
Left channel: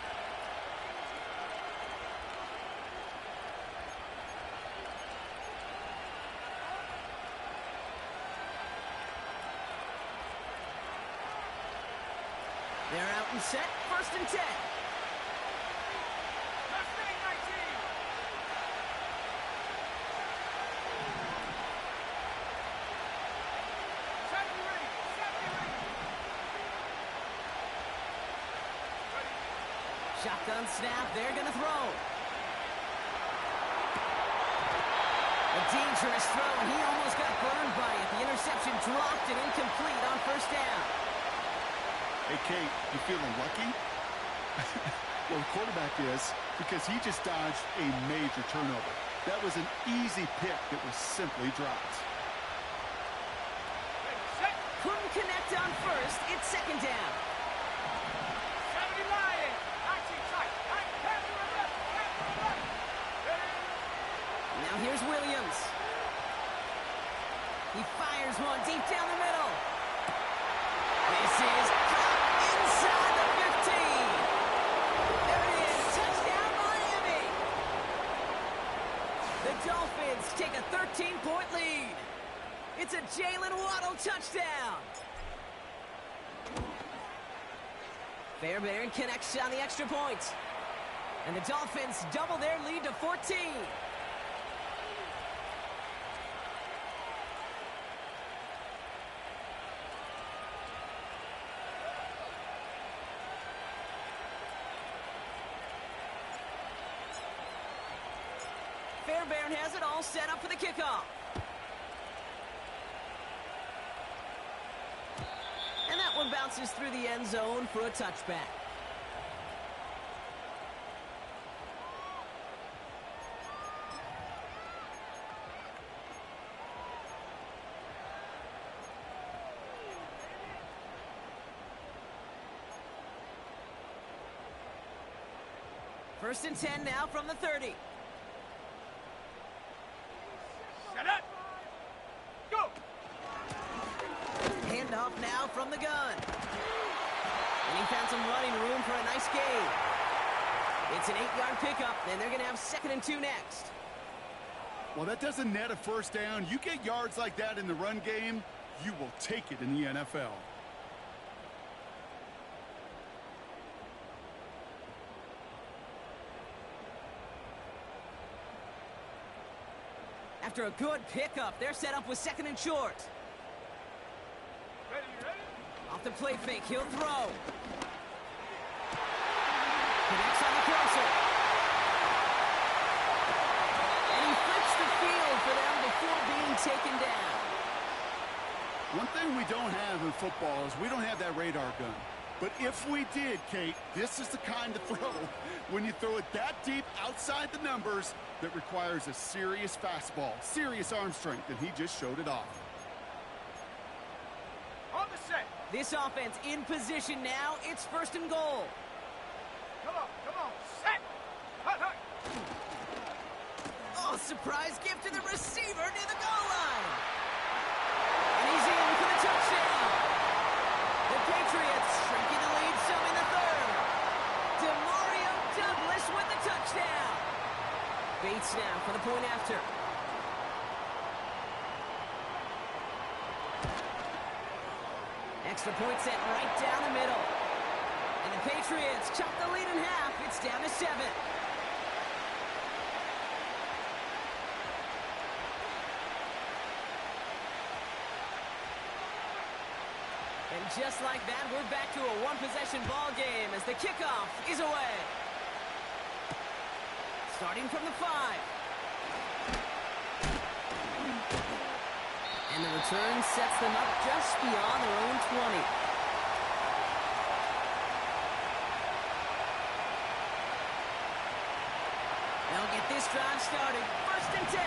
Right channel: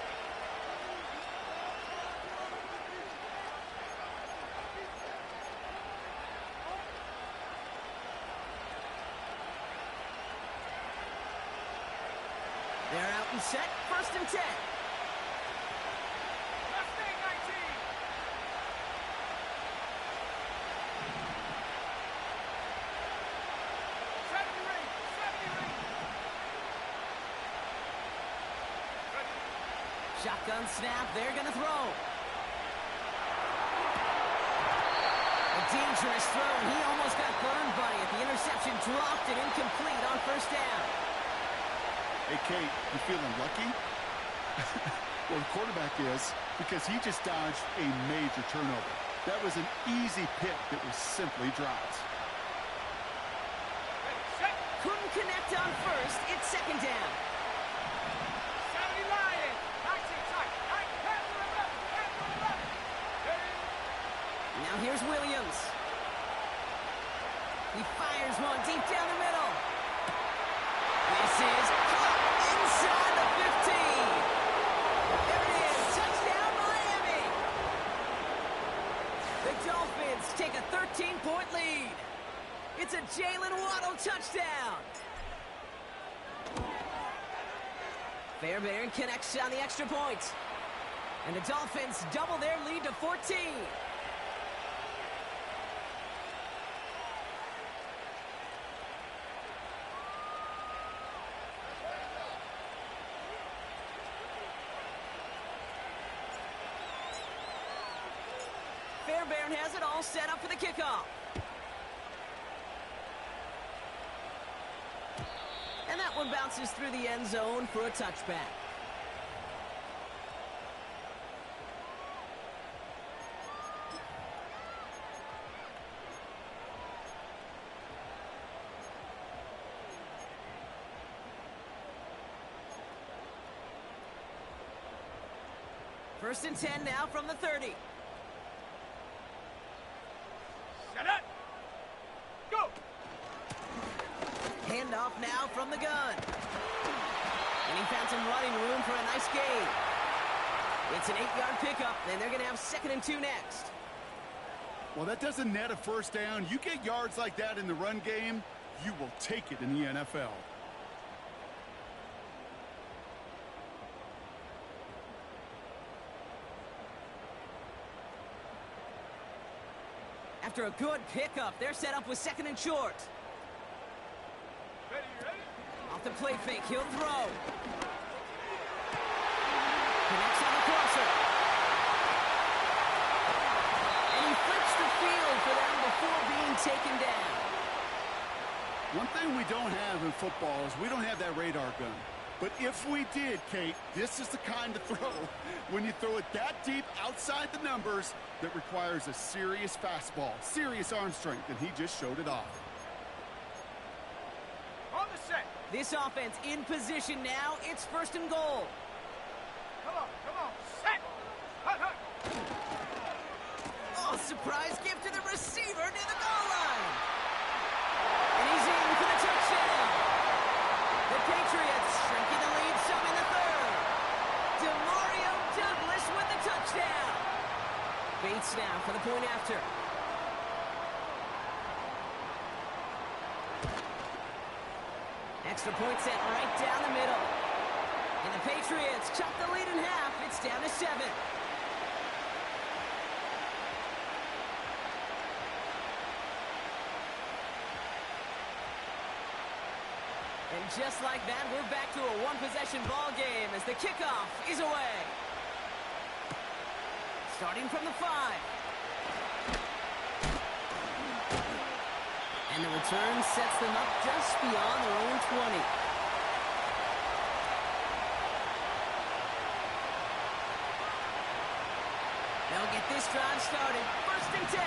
They're out and set. 1st and 10. Mustang 19! Shotgun snap. They're going to throw. A dangerous throw, and he almost got burned by it. The interception dropped it incomplete on 1st down. Hey, Kate, you feeling lucky? Well, the quarterback is, because he just dodged a major turnover. That was an easy pick that was simply dropped. Ready, set! Couldn't connect sacked on first. It's second down. 70 Lions. 19 tight. 9, 10 to 11. 10 to 11. Ready? Now here's Williams. He fires one deep down the middle. This is caught inside the 15. There it is. Touchdown, Miami. The Dolphins take a 13-point lead. It's a Jalen Waddle touchdown. Fairbairn connects on the extra point. And the Dolphins double their lead to 14. Fairbairn has it all set up for the kickoff. And that one bounces through the end zone for a touchback. First and 10 now from the 30. Set up. Go. Handoff now from the gun. And he found some running room for a nice gain. It's an 8-yard pickup, and they're going to have 2nd and 2 next. Well, that doesn't net a first down. You get yards like that in the run game, you will take it in the NFL. After a good pickup, they're set up with 2nd and short. Ready, ready? Off the play fake, he'll throw. Connects on the crosser. And he flips the field for them before being taken down. One thing we don't have in football is we don't have that radar gun. But if we did, Kate, this is the kind of throw, when you throw it that deep outside the numbers, that requires a serious fastball, serious arm strength, and he just showed it off. On the set. This offense in position now. It's 1st and goal. Come on. Set. Hut, hut. Oh, surprise gift to the receiver near the goal line. And he's in for the touchdown. The Patriots shrinking the lead some in the 3rd. Demario Douglas with the touchdown. Bates now for the point after. Extra point set right down the middle. And the Patriots chop the lead in half. It's down to 7. And just like that, we're back to a one-possession ball game as the kickoff is away. Starting from the 5. And the return sets them up just beyond their own 20. They'll get this drive started. 1st and 10.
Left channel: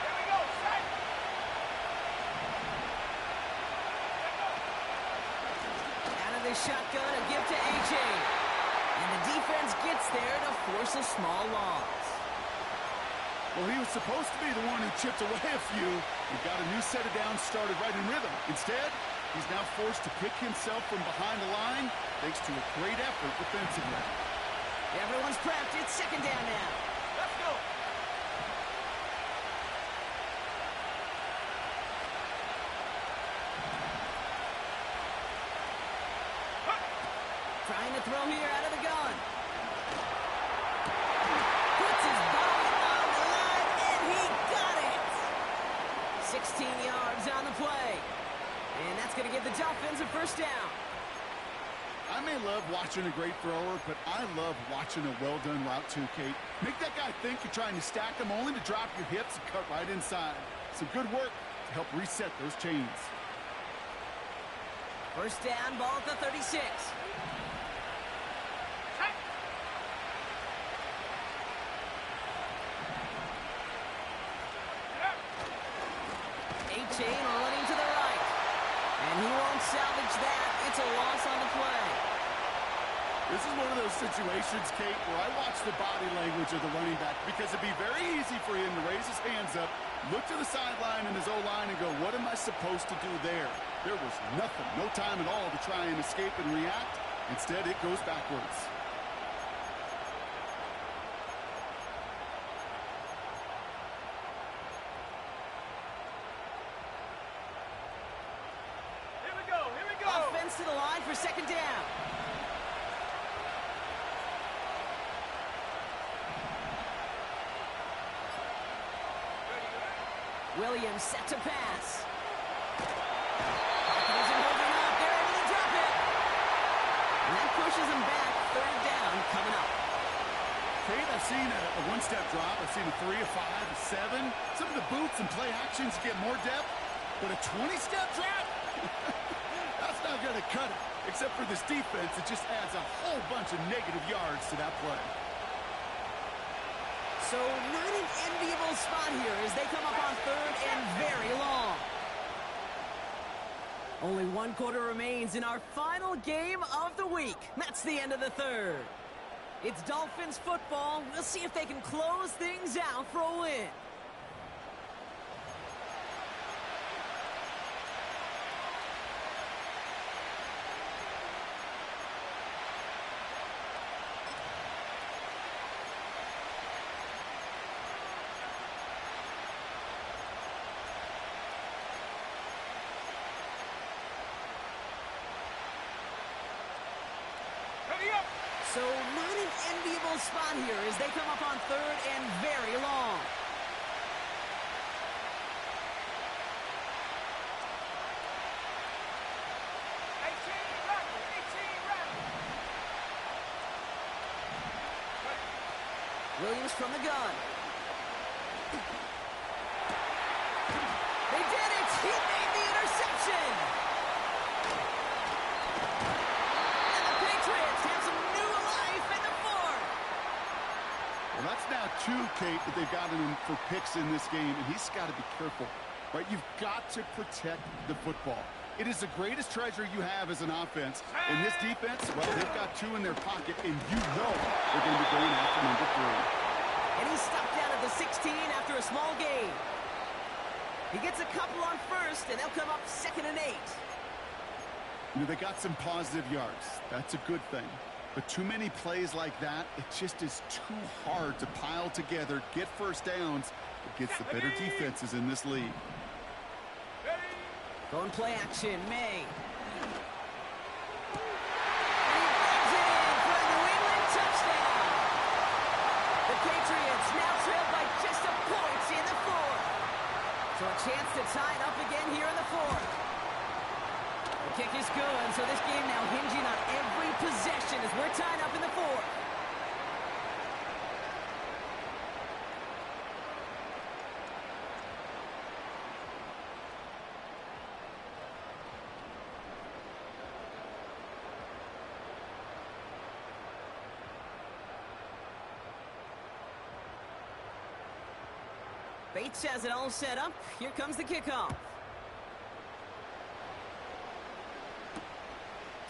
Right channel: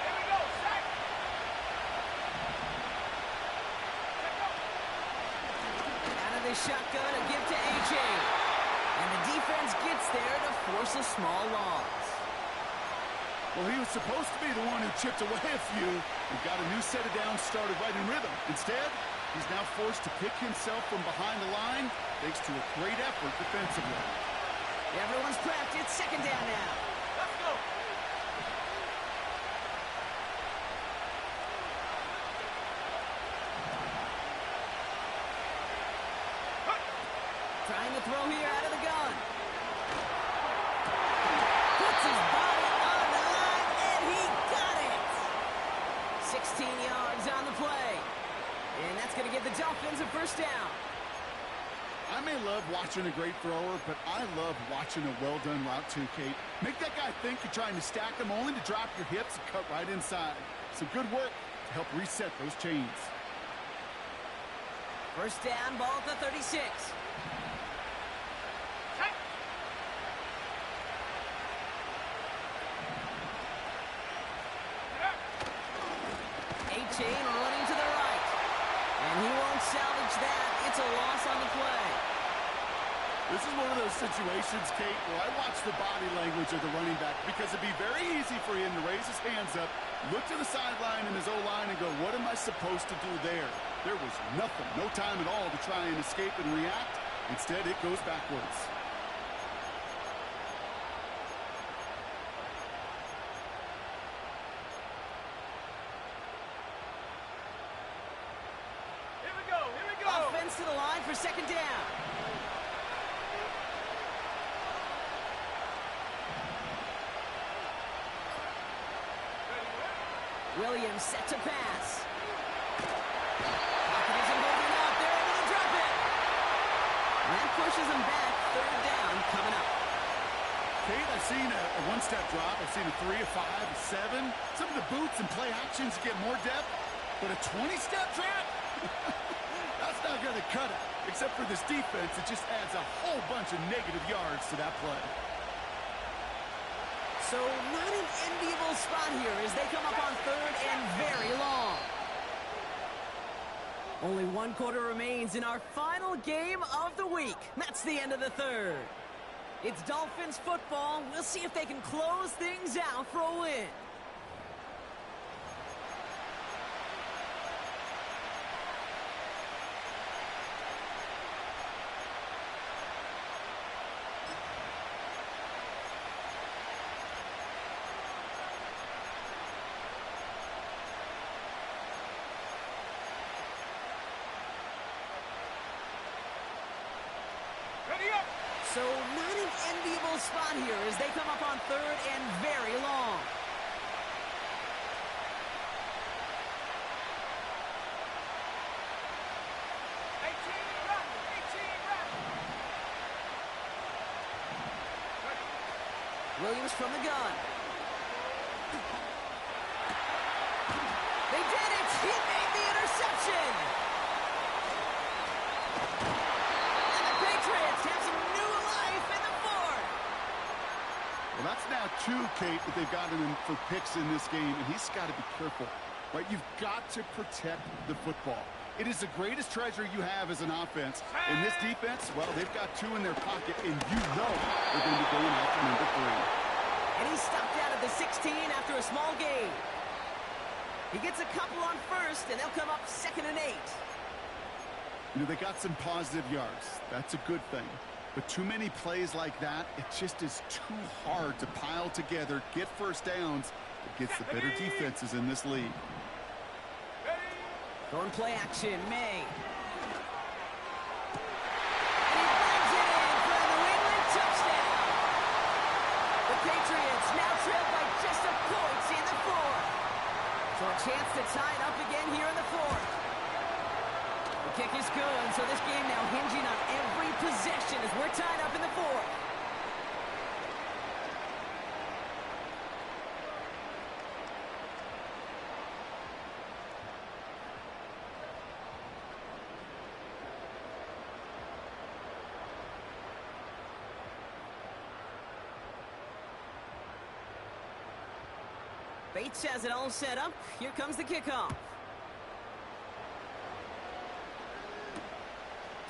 Here we go. Set. Let go. Out of the shotgun, a give to A.J. And the defense gets there to force a small loss. Well, he was supposed to be the one who chipped away a few and got a new set of downs started right in rhythm. Instead, he's now forced to pick himself from behind the line thanks to a great effort defensively. Everyone's prepped. It's 2nd down now. Let's go. Hut. Trying to throw here out of the gun. Puts his body on the line, and he got it. 16 yards on the play. And that's going to give the Dolphins a 1st down. I may love watching a great thrower, but I love watching a well-done route too, Kate. Make that guy think you're trying to stack him only to drop your hips and cut right inside. Some good work to help reset those chains. 1st down, ball at the 36. Set. 18 running to the right. can't salvage that. It's a loss on the play. This is one of those situations, Kate, where I watch the body language of the running back because it'd be very easy for him to raise his hands up, look to the sideline in his O-line and go, what am I supposed to do there? There was nothing, no time at all to try and escape and react. Instead, it goes backwards. Here we go. Here we go. Offense to the line for second down. Williams set to pass. Pocket isn't holding up. They're able to drop it. And that pushes them back. Third down coming up. Kate, I've seen a one-step drop. I've seen a 3, a 5, a 7. Some of the boots and play actions get more depth. But a 20-step drop? That's not going to cut it. Except for this defense, it just adds a whole bunch of negative yards to that play. So not an enviable spot here as they come up on third and very long. Only one quarter remains in our final game of the week. That's the end of the third. It's Dolphins football. We'll see if they can close things out for a win. Ready up. So not an enviable spot here as they come up on third and very long. Williams from the gun. They did it! He made the interception! And the Patriots have some new life in the fourth. Well, that's now 2, Kate, that they've gotten him for picks in this game, and he's got to be careful, right? You've got to protect the football. It is the greatest treasure you have as an offense. In this defense, well, they've got 2 in their pocket, and you know they're going to be going after number 3. And he's stopped down at the 16 after a small gain. He gets a couple on first, and they'll come up 2nd and 8. You know, they got some positive yards. That's a good thing. But too many plays like that, it just is too hard to pile together, get first downs against the better defenses in this league. Going play action, May. And he brings it in for a New England touchdown. The Patriots now trail by just a point in the fourth. So a chance to tie it up again here in the fourth. The kick is good, so this game now hinging on every possession as we're tied up in the fourth. Bates has it all set up. Here comes the kickoff.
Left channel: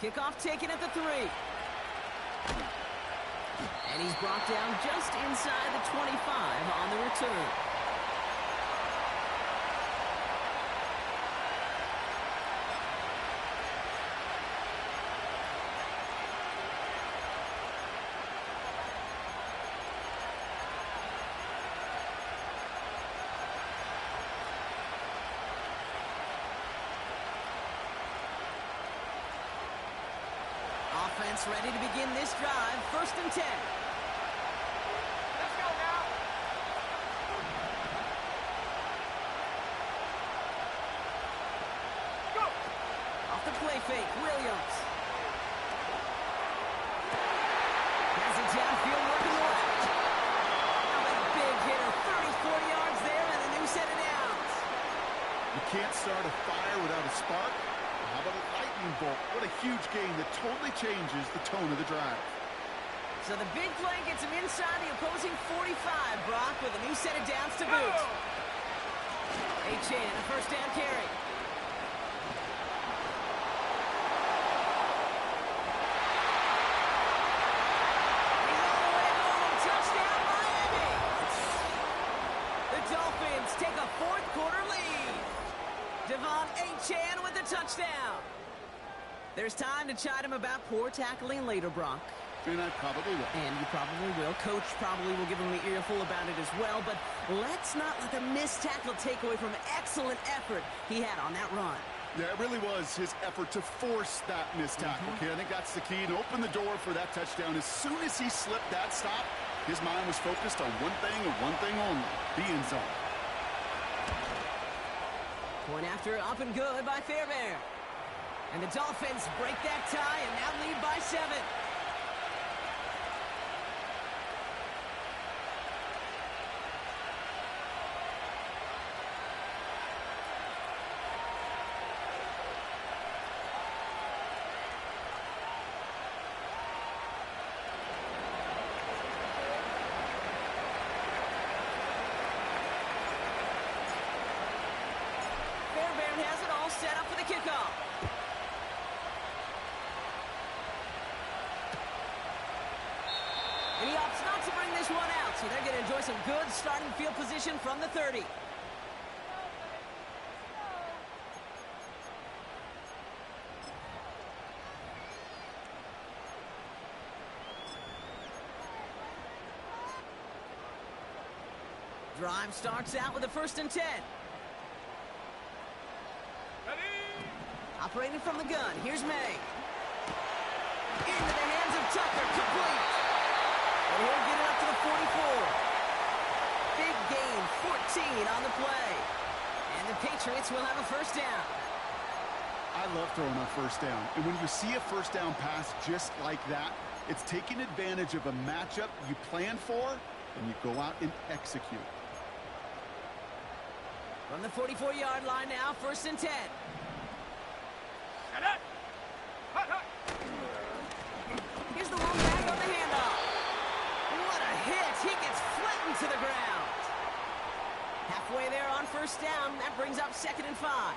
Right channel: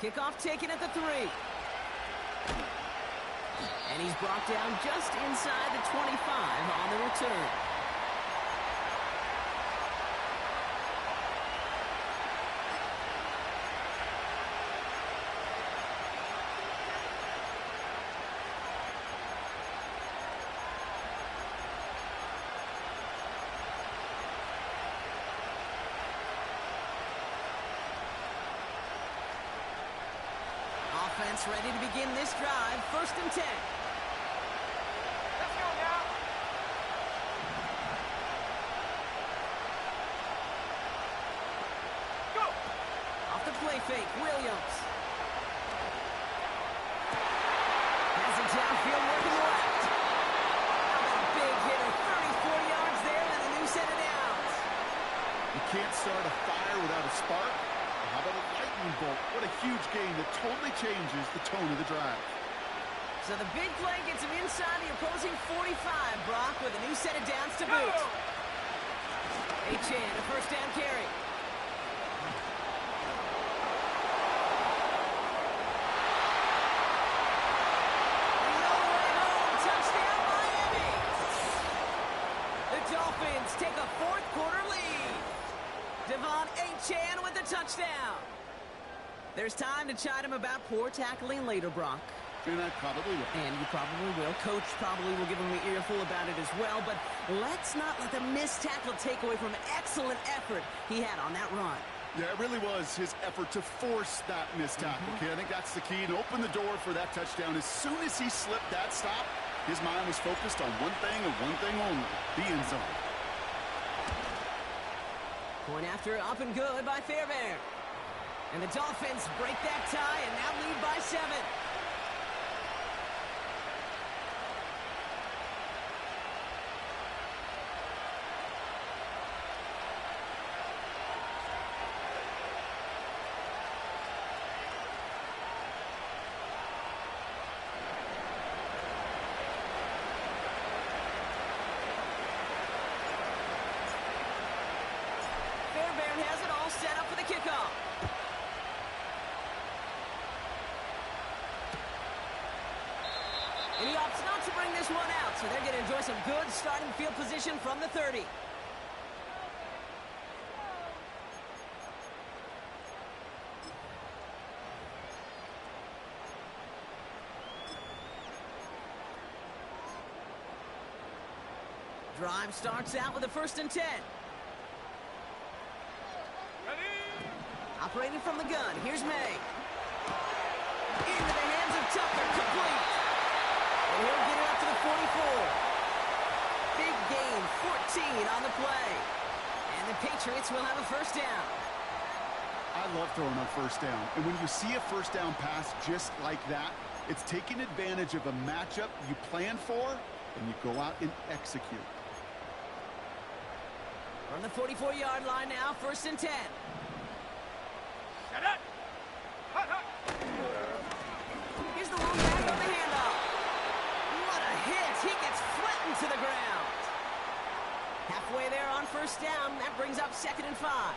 Kickoff taken at the 3. And he's brought down just inside the 25 on the return. Offense ready to begin this drive. 1st and 10. Let's go now. Go. Off the play fake, Williams. Has it downfield, working the left. How about a big hitter? 30, 40 yards there and a new set of downs. You can't start a fire without a spark. How about a lightning bolt? What a huge game that totally changes the tone of the drive. So the big play gets him inside the opposing 45, Brock, with a new set of downs to boot. HN, a 1st down carry. Bucks take a fourth quarter lead. Devon Achane with the touchdown. There's time to chide him about poor tackling later, Brock. And I probably will. And you probably will. Coach probably will give him an earful about it as well. But let's not let the missed tackle take away from excellent effort he had on that run. Yeah, it really was his effort to force that missed tackle. Okay, I think that's the key, and open the door for that touchdown. As soon as he slipped that stop, his mind was focused on one thing and one thing only, the end zone. Point after up and good by Fairbairn. And the Dolphins break that tie and now lead by 7. Fairbairn has it all set up for the kickoff. And he opts not to bring this one out, so they're going to enjoy some good starting field position from the 30. Drive starts out with a 1st and 10. Ready? Operating from the gun, here's May. Into the hands of Tucker, complete. And he'll get it up to the 44. Big gain, 14 on the play. And the Patriots will have a 1st down. I love throwing on 1st down. And when you see a 1st down pass just like that, it's taking advantage of a matchup you plan for, and you go out and execute. From the 44-yard line now, 1st and 10. Shut up! Hut, hut! Here's the long back on the handoff. What a hit! He gets flattened to the ground. Halfway there on 1st down. That brings up 2nd and 5.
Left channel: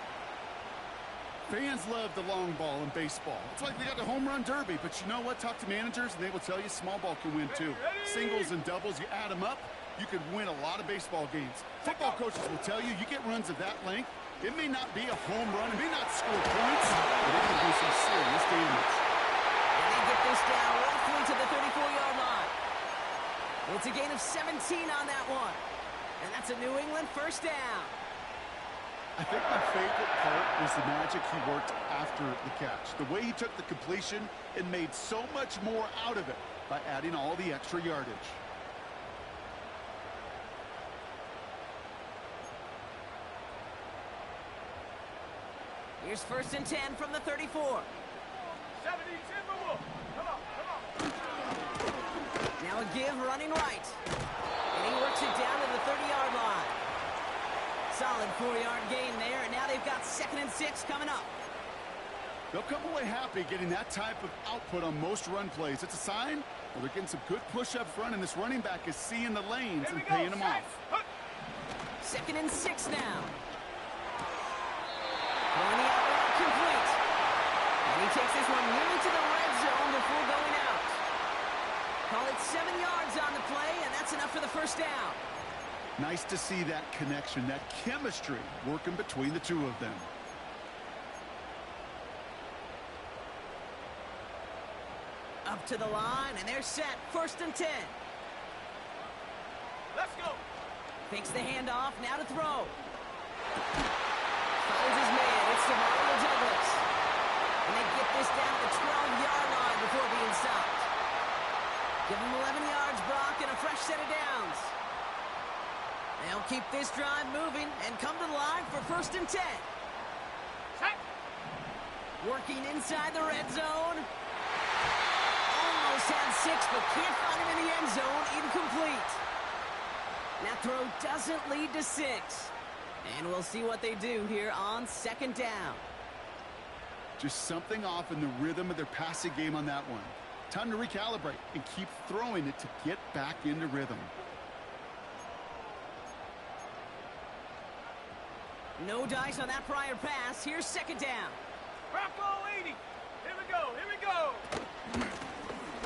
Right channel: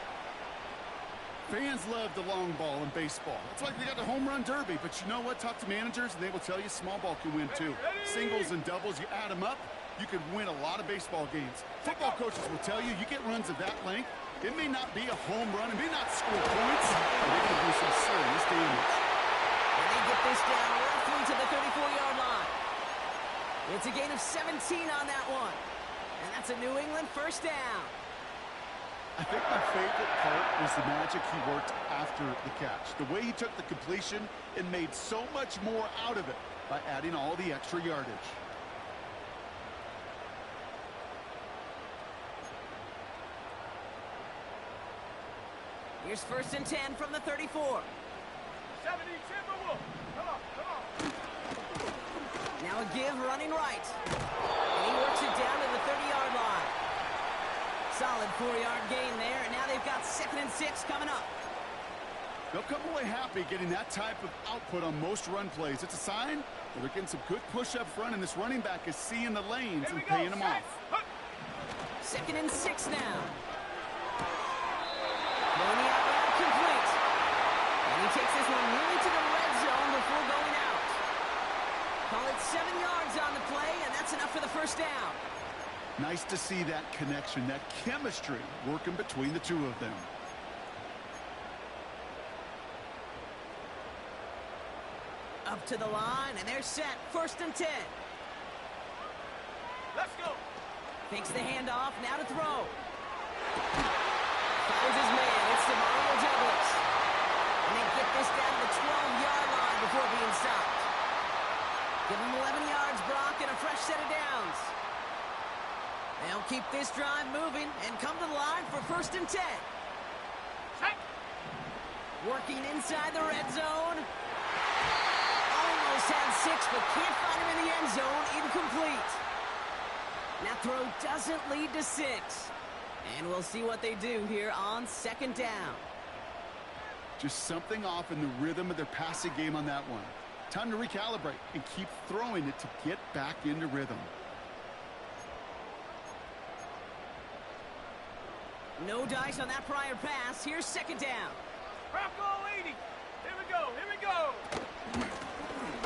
Fans love the long ball in baseball. It's like they got the home run derby, but you know what? Talk to managers, and they will tell you small ball can win too. Singles and doubles, you add them up, you could win a lot of baseball games. Football coaches will tell you, you get runs of that length, it may not be a home run, it may not score points, but it can do some serious damage. And they get this down roughly to the 34-yard line. It's a gain of 17 on that one. And that's a New England 1st down. I think my favorite part was the magic he worked after the catch. The way he took the completion and made so much more out of it by adding all the extra yardage. Here's 1st and 10 from the 34. 70 Timberwolves! Come on, come on! Now a give running right. And he works it down to the 30-yard line. Solid 4-yard gain there, and now they've got 2nd and 6 coming up. They'll come away happy getting that type of output on most run plays. It's a sign, well, they're getting some good push up front, and this running back is seeing the lanes and paying them off. 2nd and 6 now. Throwing the out route complete. And he takes this one nearly to the red zone before going out. Call it 7 yards on the play, and that's enough for the 1st down. Nice to see that connection, that chemistry working between the two of them. Up to the line, and they're set. 1st and 10. Let's go! Fakes the handoff, now to throw. Finds his man, it's Demario Douglas. And they get this down to the 12-yard line before being stopped. Give him 11 yards, Brock, and a fresh set of downs. They'll keep this drive moving and come to the line for 1st and 10. Check! Working inside the red zone. Almost had 6, but can't find him in the end zone. Incomplete. That throw doesn't lead to 6. And we'll see what they do here on 2nd down. Just something off in the rhythm of their passing game on that one. Time to recalibrate and keep throwing it to get back into rhythm. No dice on that prior pass. Here's 2nd down. Bronco 80! Here we go, here we go!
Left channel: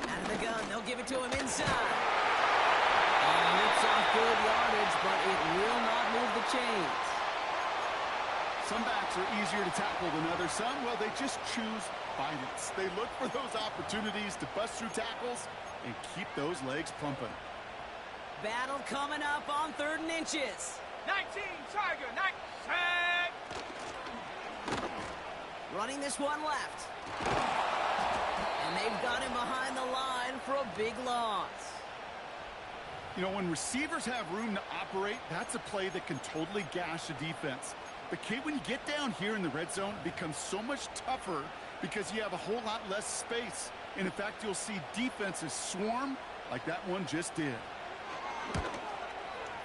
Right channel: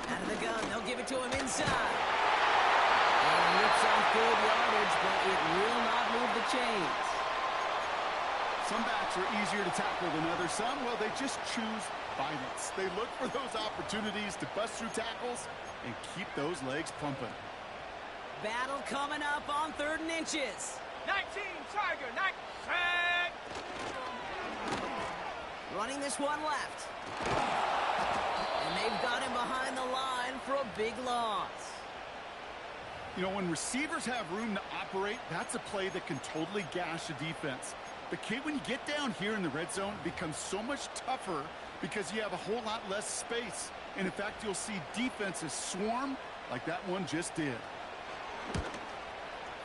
Out of the gun, they'll give it to him inside. And He rips off good yardage, but it will not move the chains. Some backs are easier to tackle than others. Some, well, they just choose violence. They look for those opportunities to bust through tackles and keep those legs pumping. Battle coming up on 3rd and inches. 19, Tiger, 9, set. Running this one left. And they've got him behind the line for a big loss. You know, when receivers have room to operate, that's a play that can totally gash a defense. But, Kate, when you get down here in the red zone, it becomes so much tougher because you have a whole lot less space. And, in fact, you'll see defenses swarm like that one just did.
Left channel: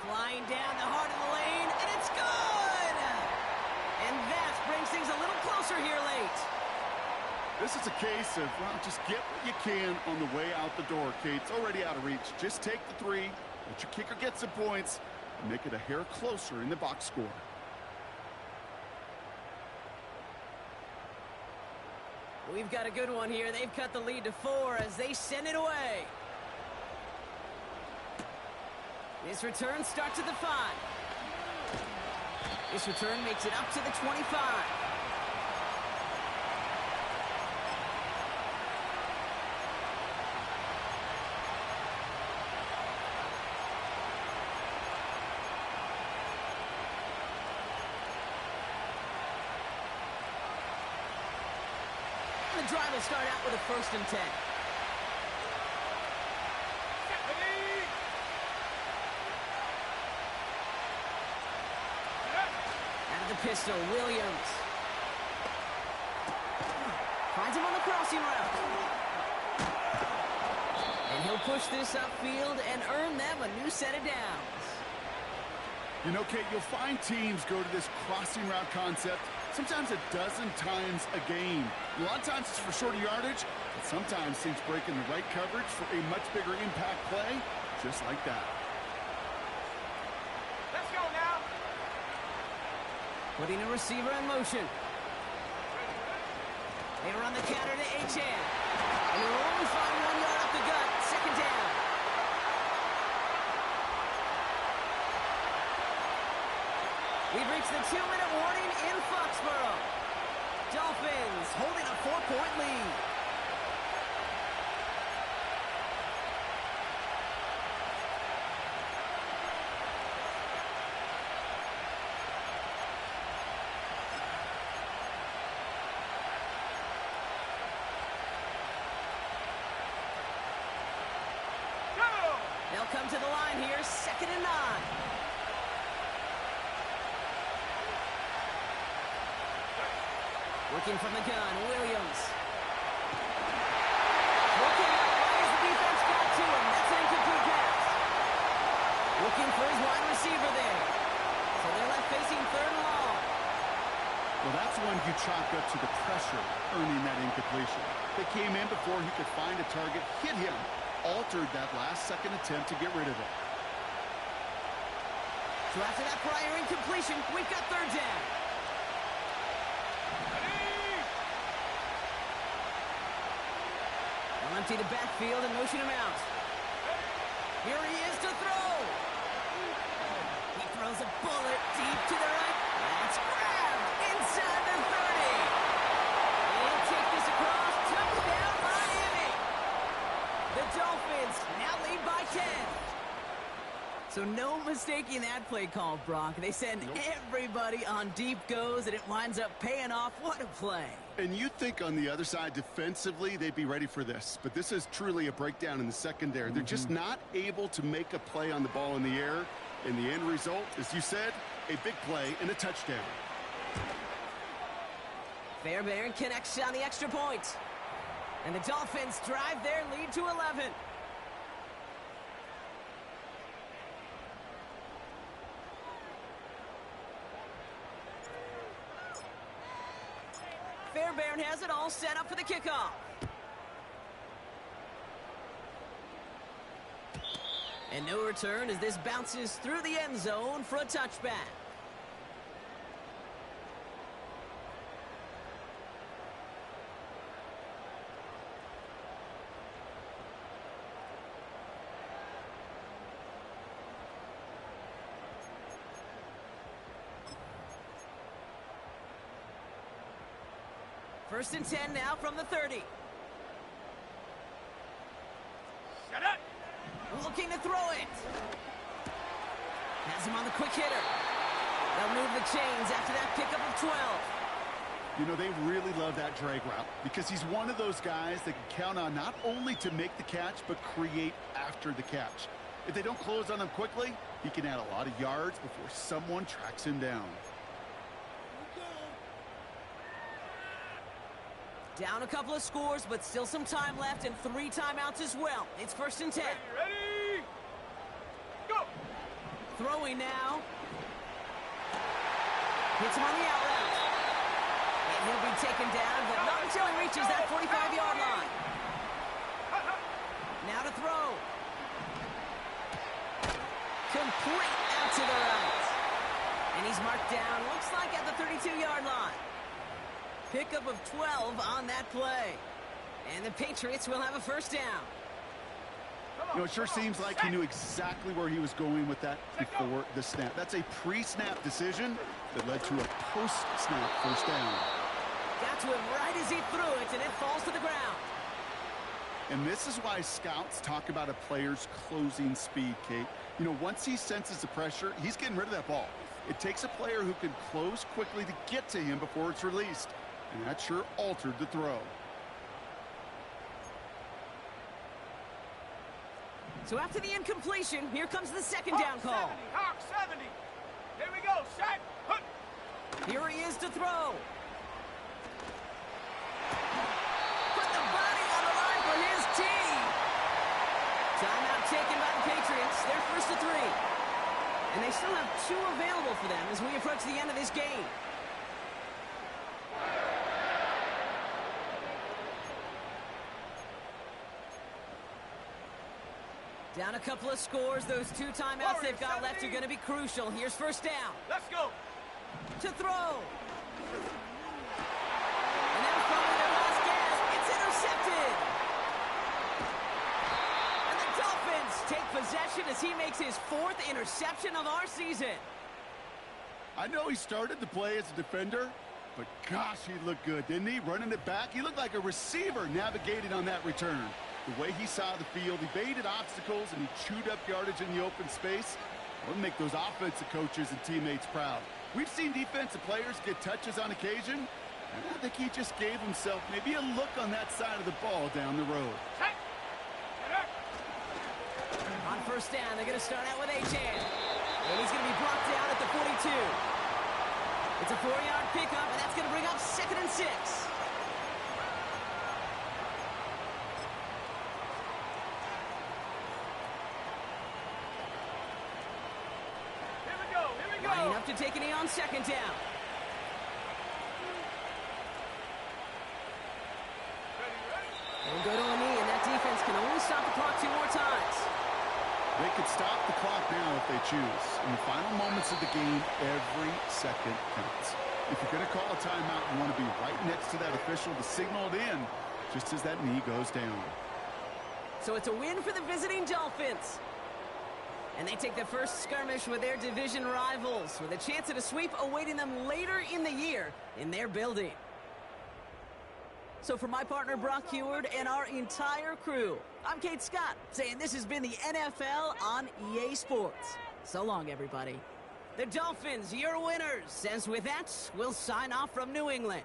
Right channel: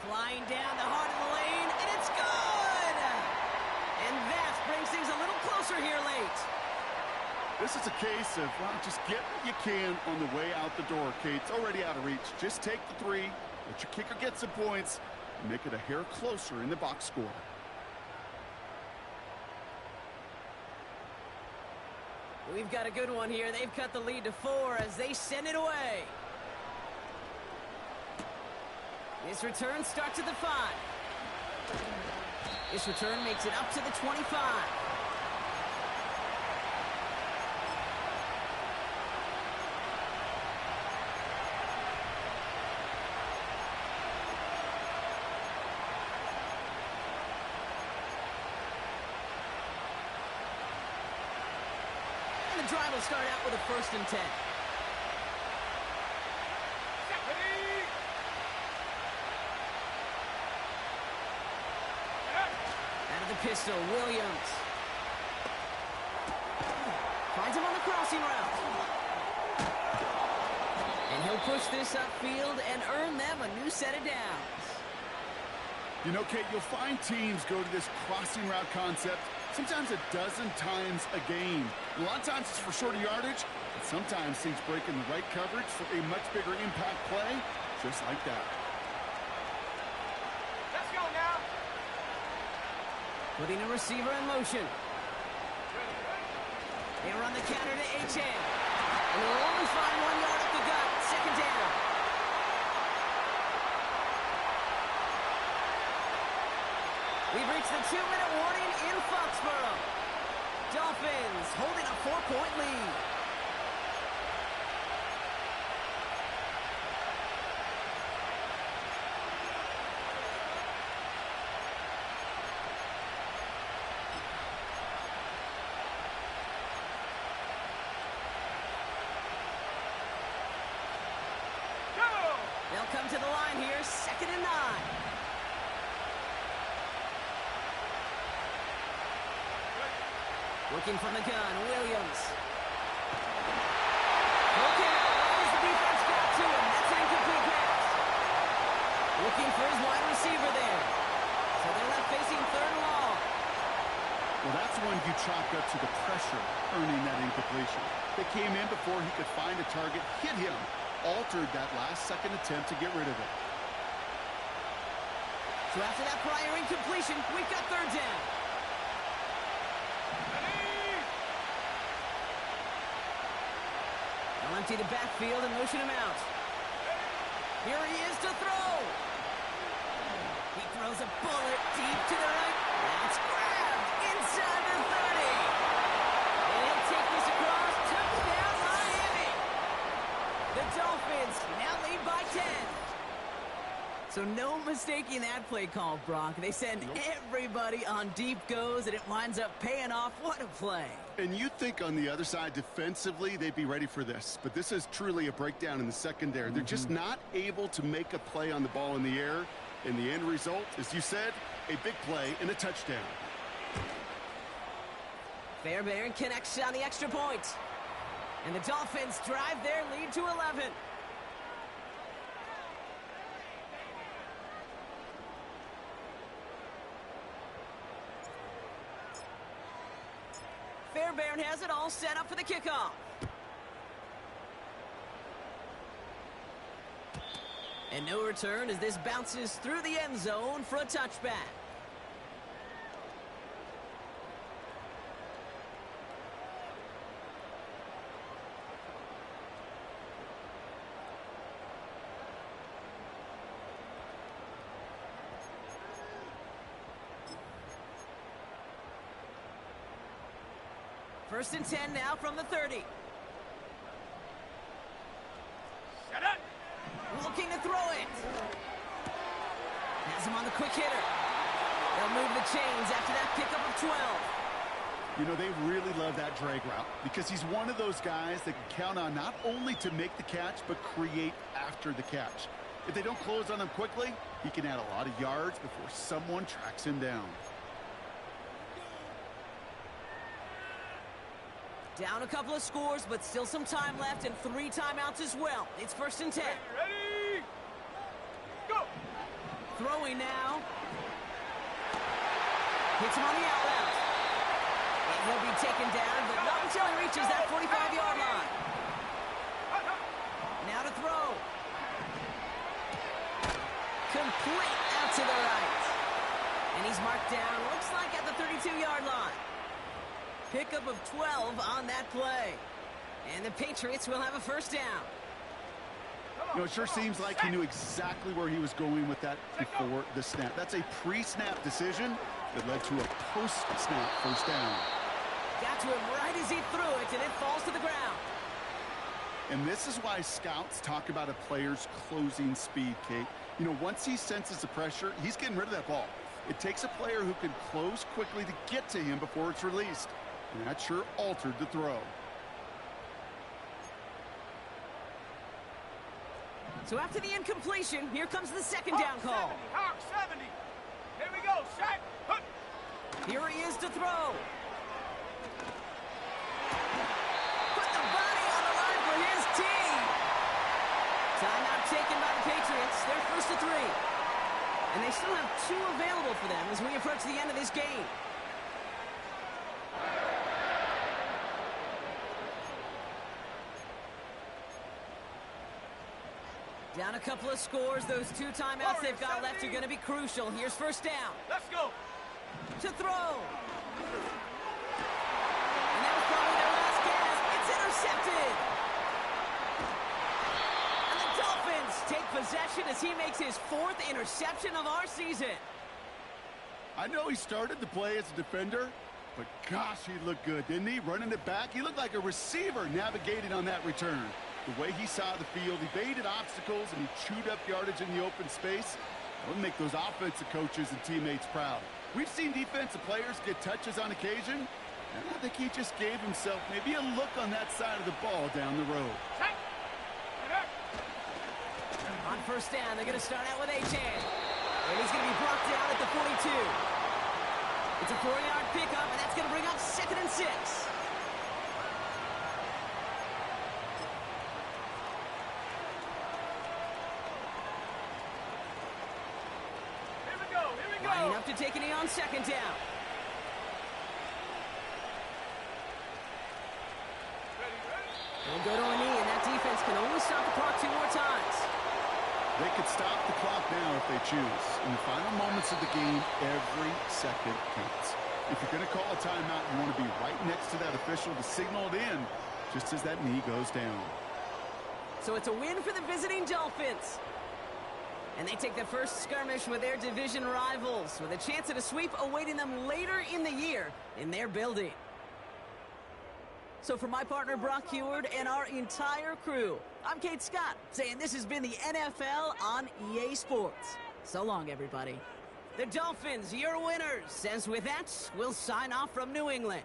Flying down the heart of the lane, and it's good! And that brings things a little closer here late. This is a case of, well, just get what you can on the way out the door, Kate. It's already out of reach. Just take the 3, let your kicker get some points, and make it a hair closer in the box score. We've got a good one here. They've cut the lead to 4 as they send it away. This return starts at the 5. This return makes it up to the 25. And the drive will start out with a 1st and 10. Out of the pistol, Williams. Finds him on the crossing route. And he'll push this upfield and earn them a new set of downs. You know, Kate, you'll find teams go to this crossing route concept sometimes a dozen times a game. A lot of times it's for shorter yardage, but sometimes teams break in the right coverage for a much bigger impact play, just like that. Let's go now. Putting a receiver in motion. They run the counter to HM. And they'll only find 1 yard up the gut. 2nd down. We've reached the 2-minute warning in Foxborough. Dolphins holding a 4-point lead. They'll come to the line here, 2nd and 9. Working from the gun, Williams. Look out, right as the defense got to him. That's an incomplete pass. Looking for his wide receiver there. So they're left facing 3rd and long. Well, that's one you chalk up to the pressure earning that incompletion. They came in before he could find a target, hit him, altered that last-second attempt to get rid of it. So after that prior incompletion, we've got 3rd down. They'll empty the backfield and motion him out. Here he is to throw. He throws a bullet deep to the right. That's grabbed inside the 30. And he'll take this across. Touchdown, Miami. The Dolphins now lead by 10. So no mistaking that play call, Brock. They send everybody on deep goes, and it winds up paying off. What a play. And you think on the other side defensively they'd be ready for this. But this is truly a breakdown in the secondary. They're just not able to make a play on the ball in the air. And the end result, as you said, a big play and a touchdown. Fairbairn connects on the extra point. And the Dolphins drive their lead to 11. Fairbairn has it all set up for the kickoff. And no return as this bounces through the end zone for a touchback. First and 10 now from the 30. Set up. Looking to throw it. Has him on the quick hitter. They'll move the chains after that pickup of 12. You know, they really love that drag route because he's one of those guys that can count on not only to make the catch, but create after the catch. If they don't close on him quickly, he can add a lot of yards before someone tracks him down. Down a couple of scores, but still some time left and 3 timeouts as well. It's first and 10. Ready? Go. Throwing now. Hits him on the out route. And he'll be taken down, but not until he reaches that 45-yard line. Now to throw. Complete out to the right. And he's marked down, looks like at the 32-yard line. Pickup of 12 on that play. And the Patriots will have a first down. You know, it sure seems like he knew exactly where he was going with that before the snap. That's a pre-snap decision that led to a post-snap first down. Got to him right as he threw it, and it falls to the ground. And this is why scouts talk about a player's closing speed, Kate. You know, once he senses the pressure, he's getting rid of that ball. It takes a player who can close quickly to get to him before it's released. And that sure altered the throw. So after the incompletion, here comes the second down call. 70, Hawk 70. Here we go, set. Hut. Here he is to throw. Put the body on the line for his team. Timeout taken by the Patriots. They're first to 3. And they still have 2 available for them as we approach the end of this game. Down a couple of scores. Those 2 timeouts they've got left are going to be crucial. Here's first down. Let's go. To throw. And that was probably their last gasp. It's intercepted. And the Dolphins take possession as he makes his 4th interception of our season. I know he started the play as a defender, but gosh, he looked good, didn't he? Running it back, he looked like a receiver navigating on that return. The way he saw the field, he baited obstacles, and he chewed up yardage in the open space. That would make those offensive coaches and teammates proud. We've seen defensive players get touches on occasion, and I think he just gave himself maybe a look on that side of the ball down the road. Set. Get up. On first down, they're going to start out with Achan. And he's going to be brought down at the 42. It's a 4-yard pickup, and that's going to bring up 2nd and 6. Lining up to take a knee on 2nd down. Ready. They'll go to a knee, and that defense can only stop the clock 2 more times. They could stop the clock now if they choose. In the final moments of the game, every second counts. If you're going to call a timeout, you want to be right next to that official to signal it in just as that knee goes down. So it's a win for the visiting Dolphins. And they take the first skirmish with their division rivals, with a chance at a sweep awaiting them later in the year in their building. So for my partner Brock Heward and our entire crew, I'm Kate Scott, saying this has been the NFL on EA Sports. So long, everybody. The Dolphins, your winners. As with that, we'll sign off from New England.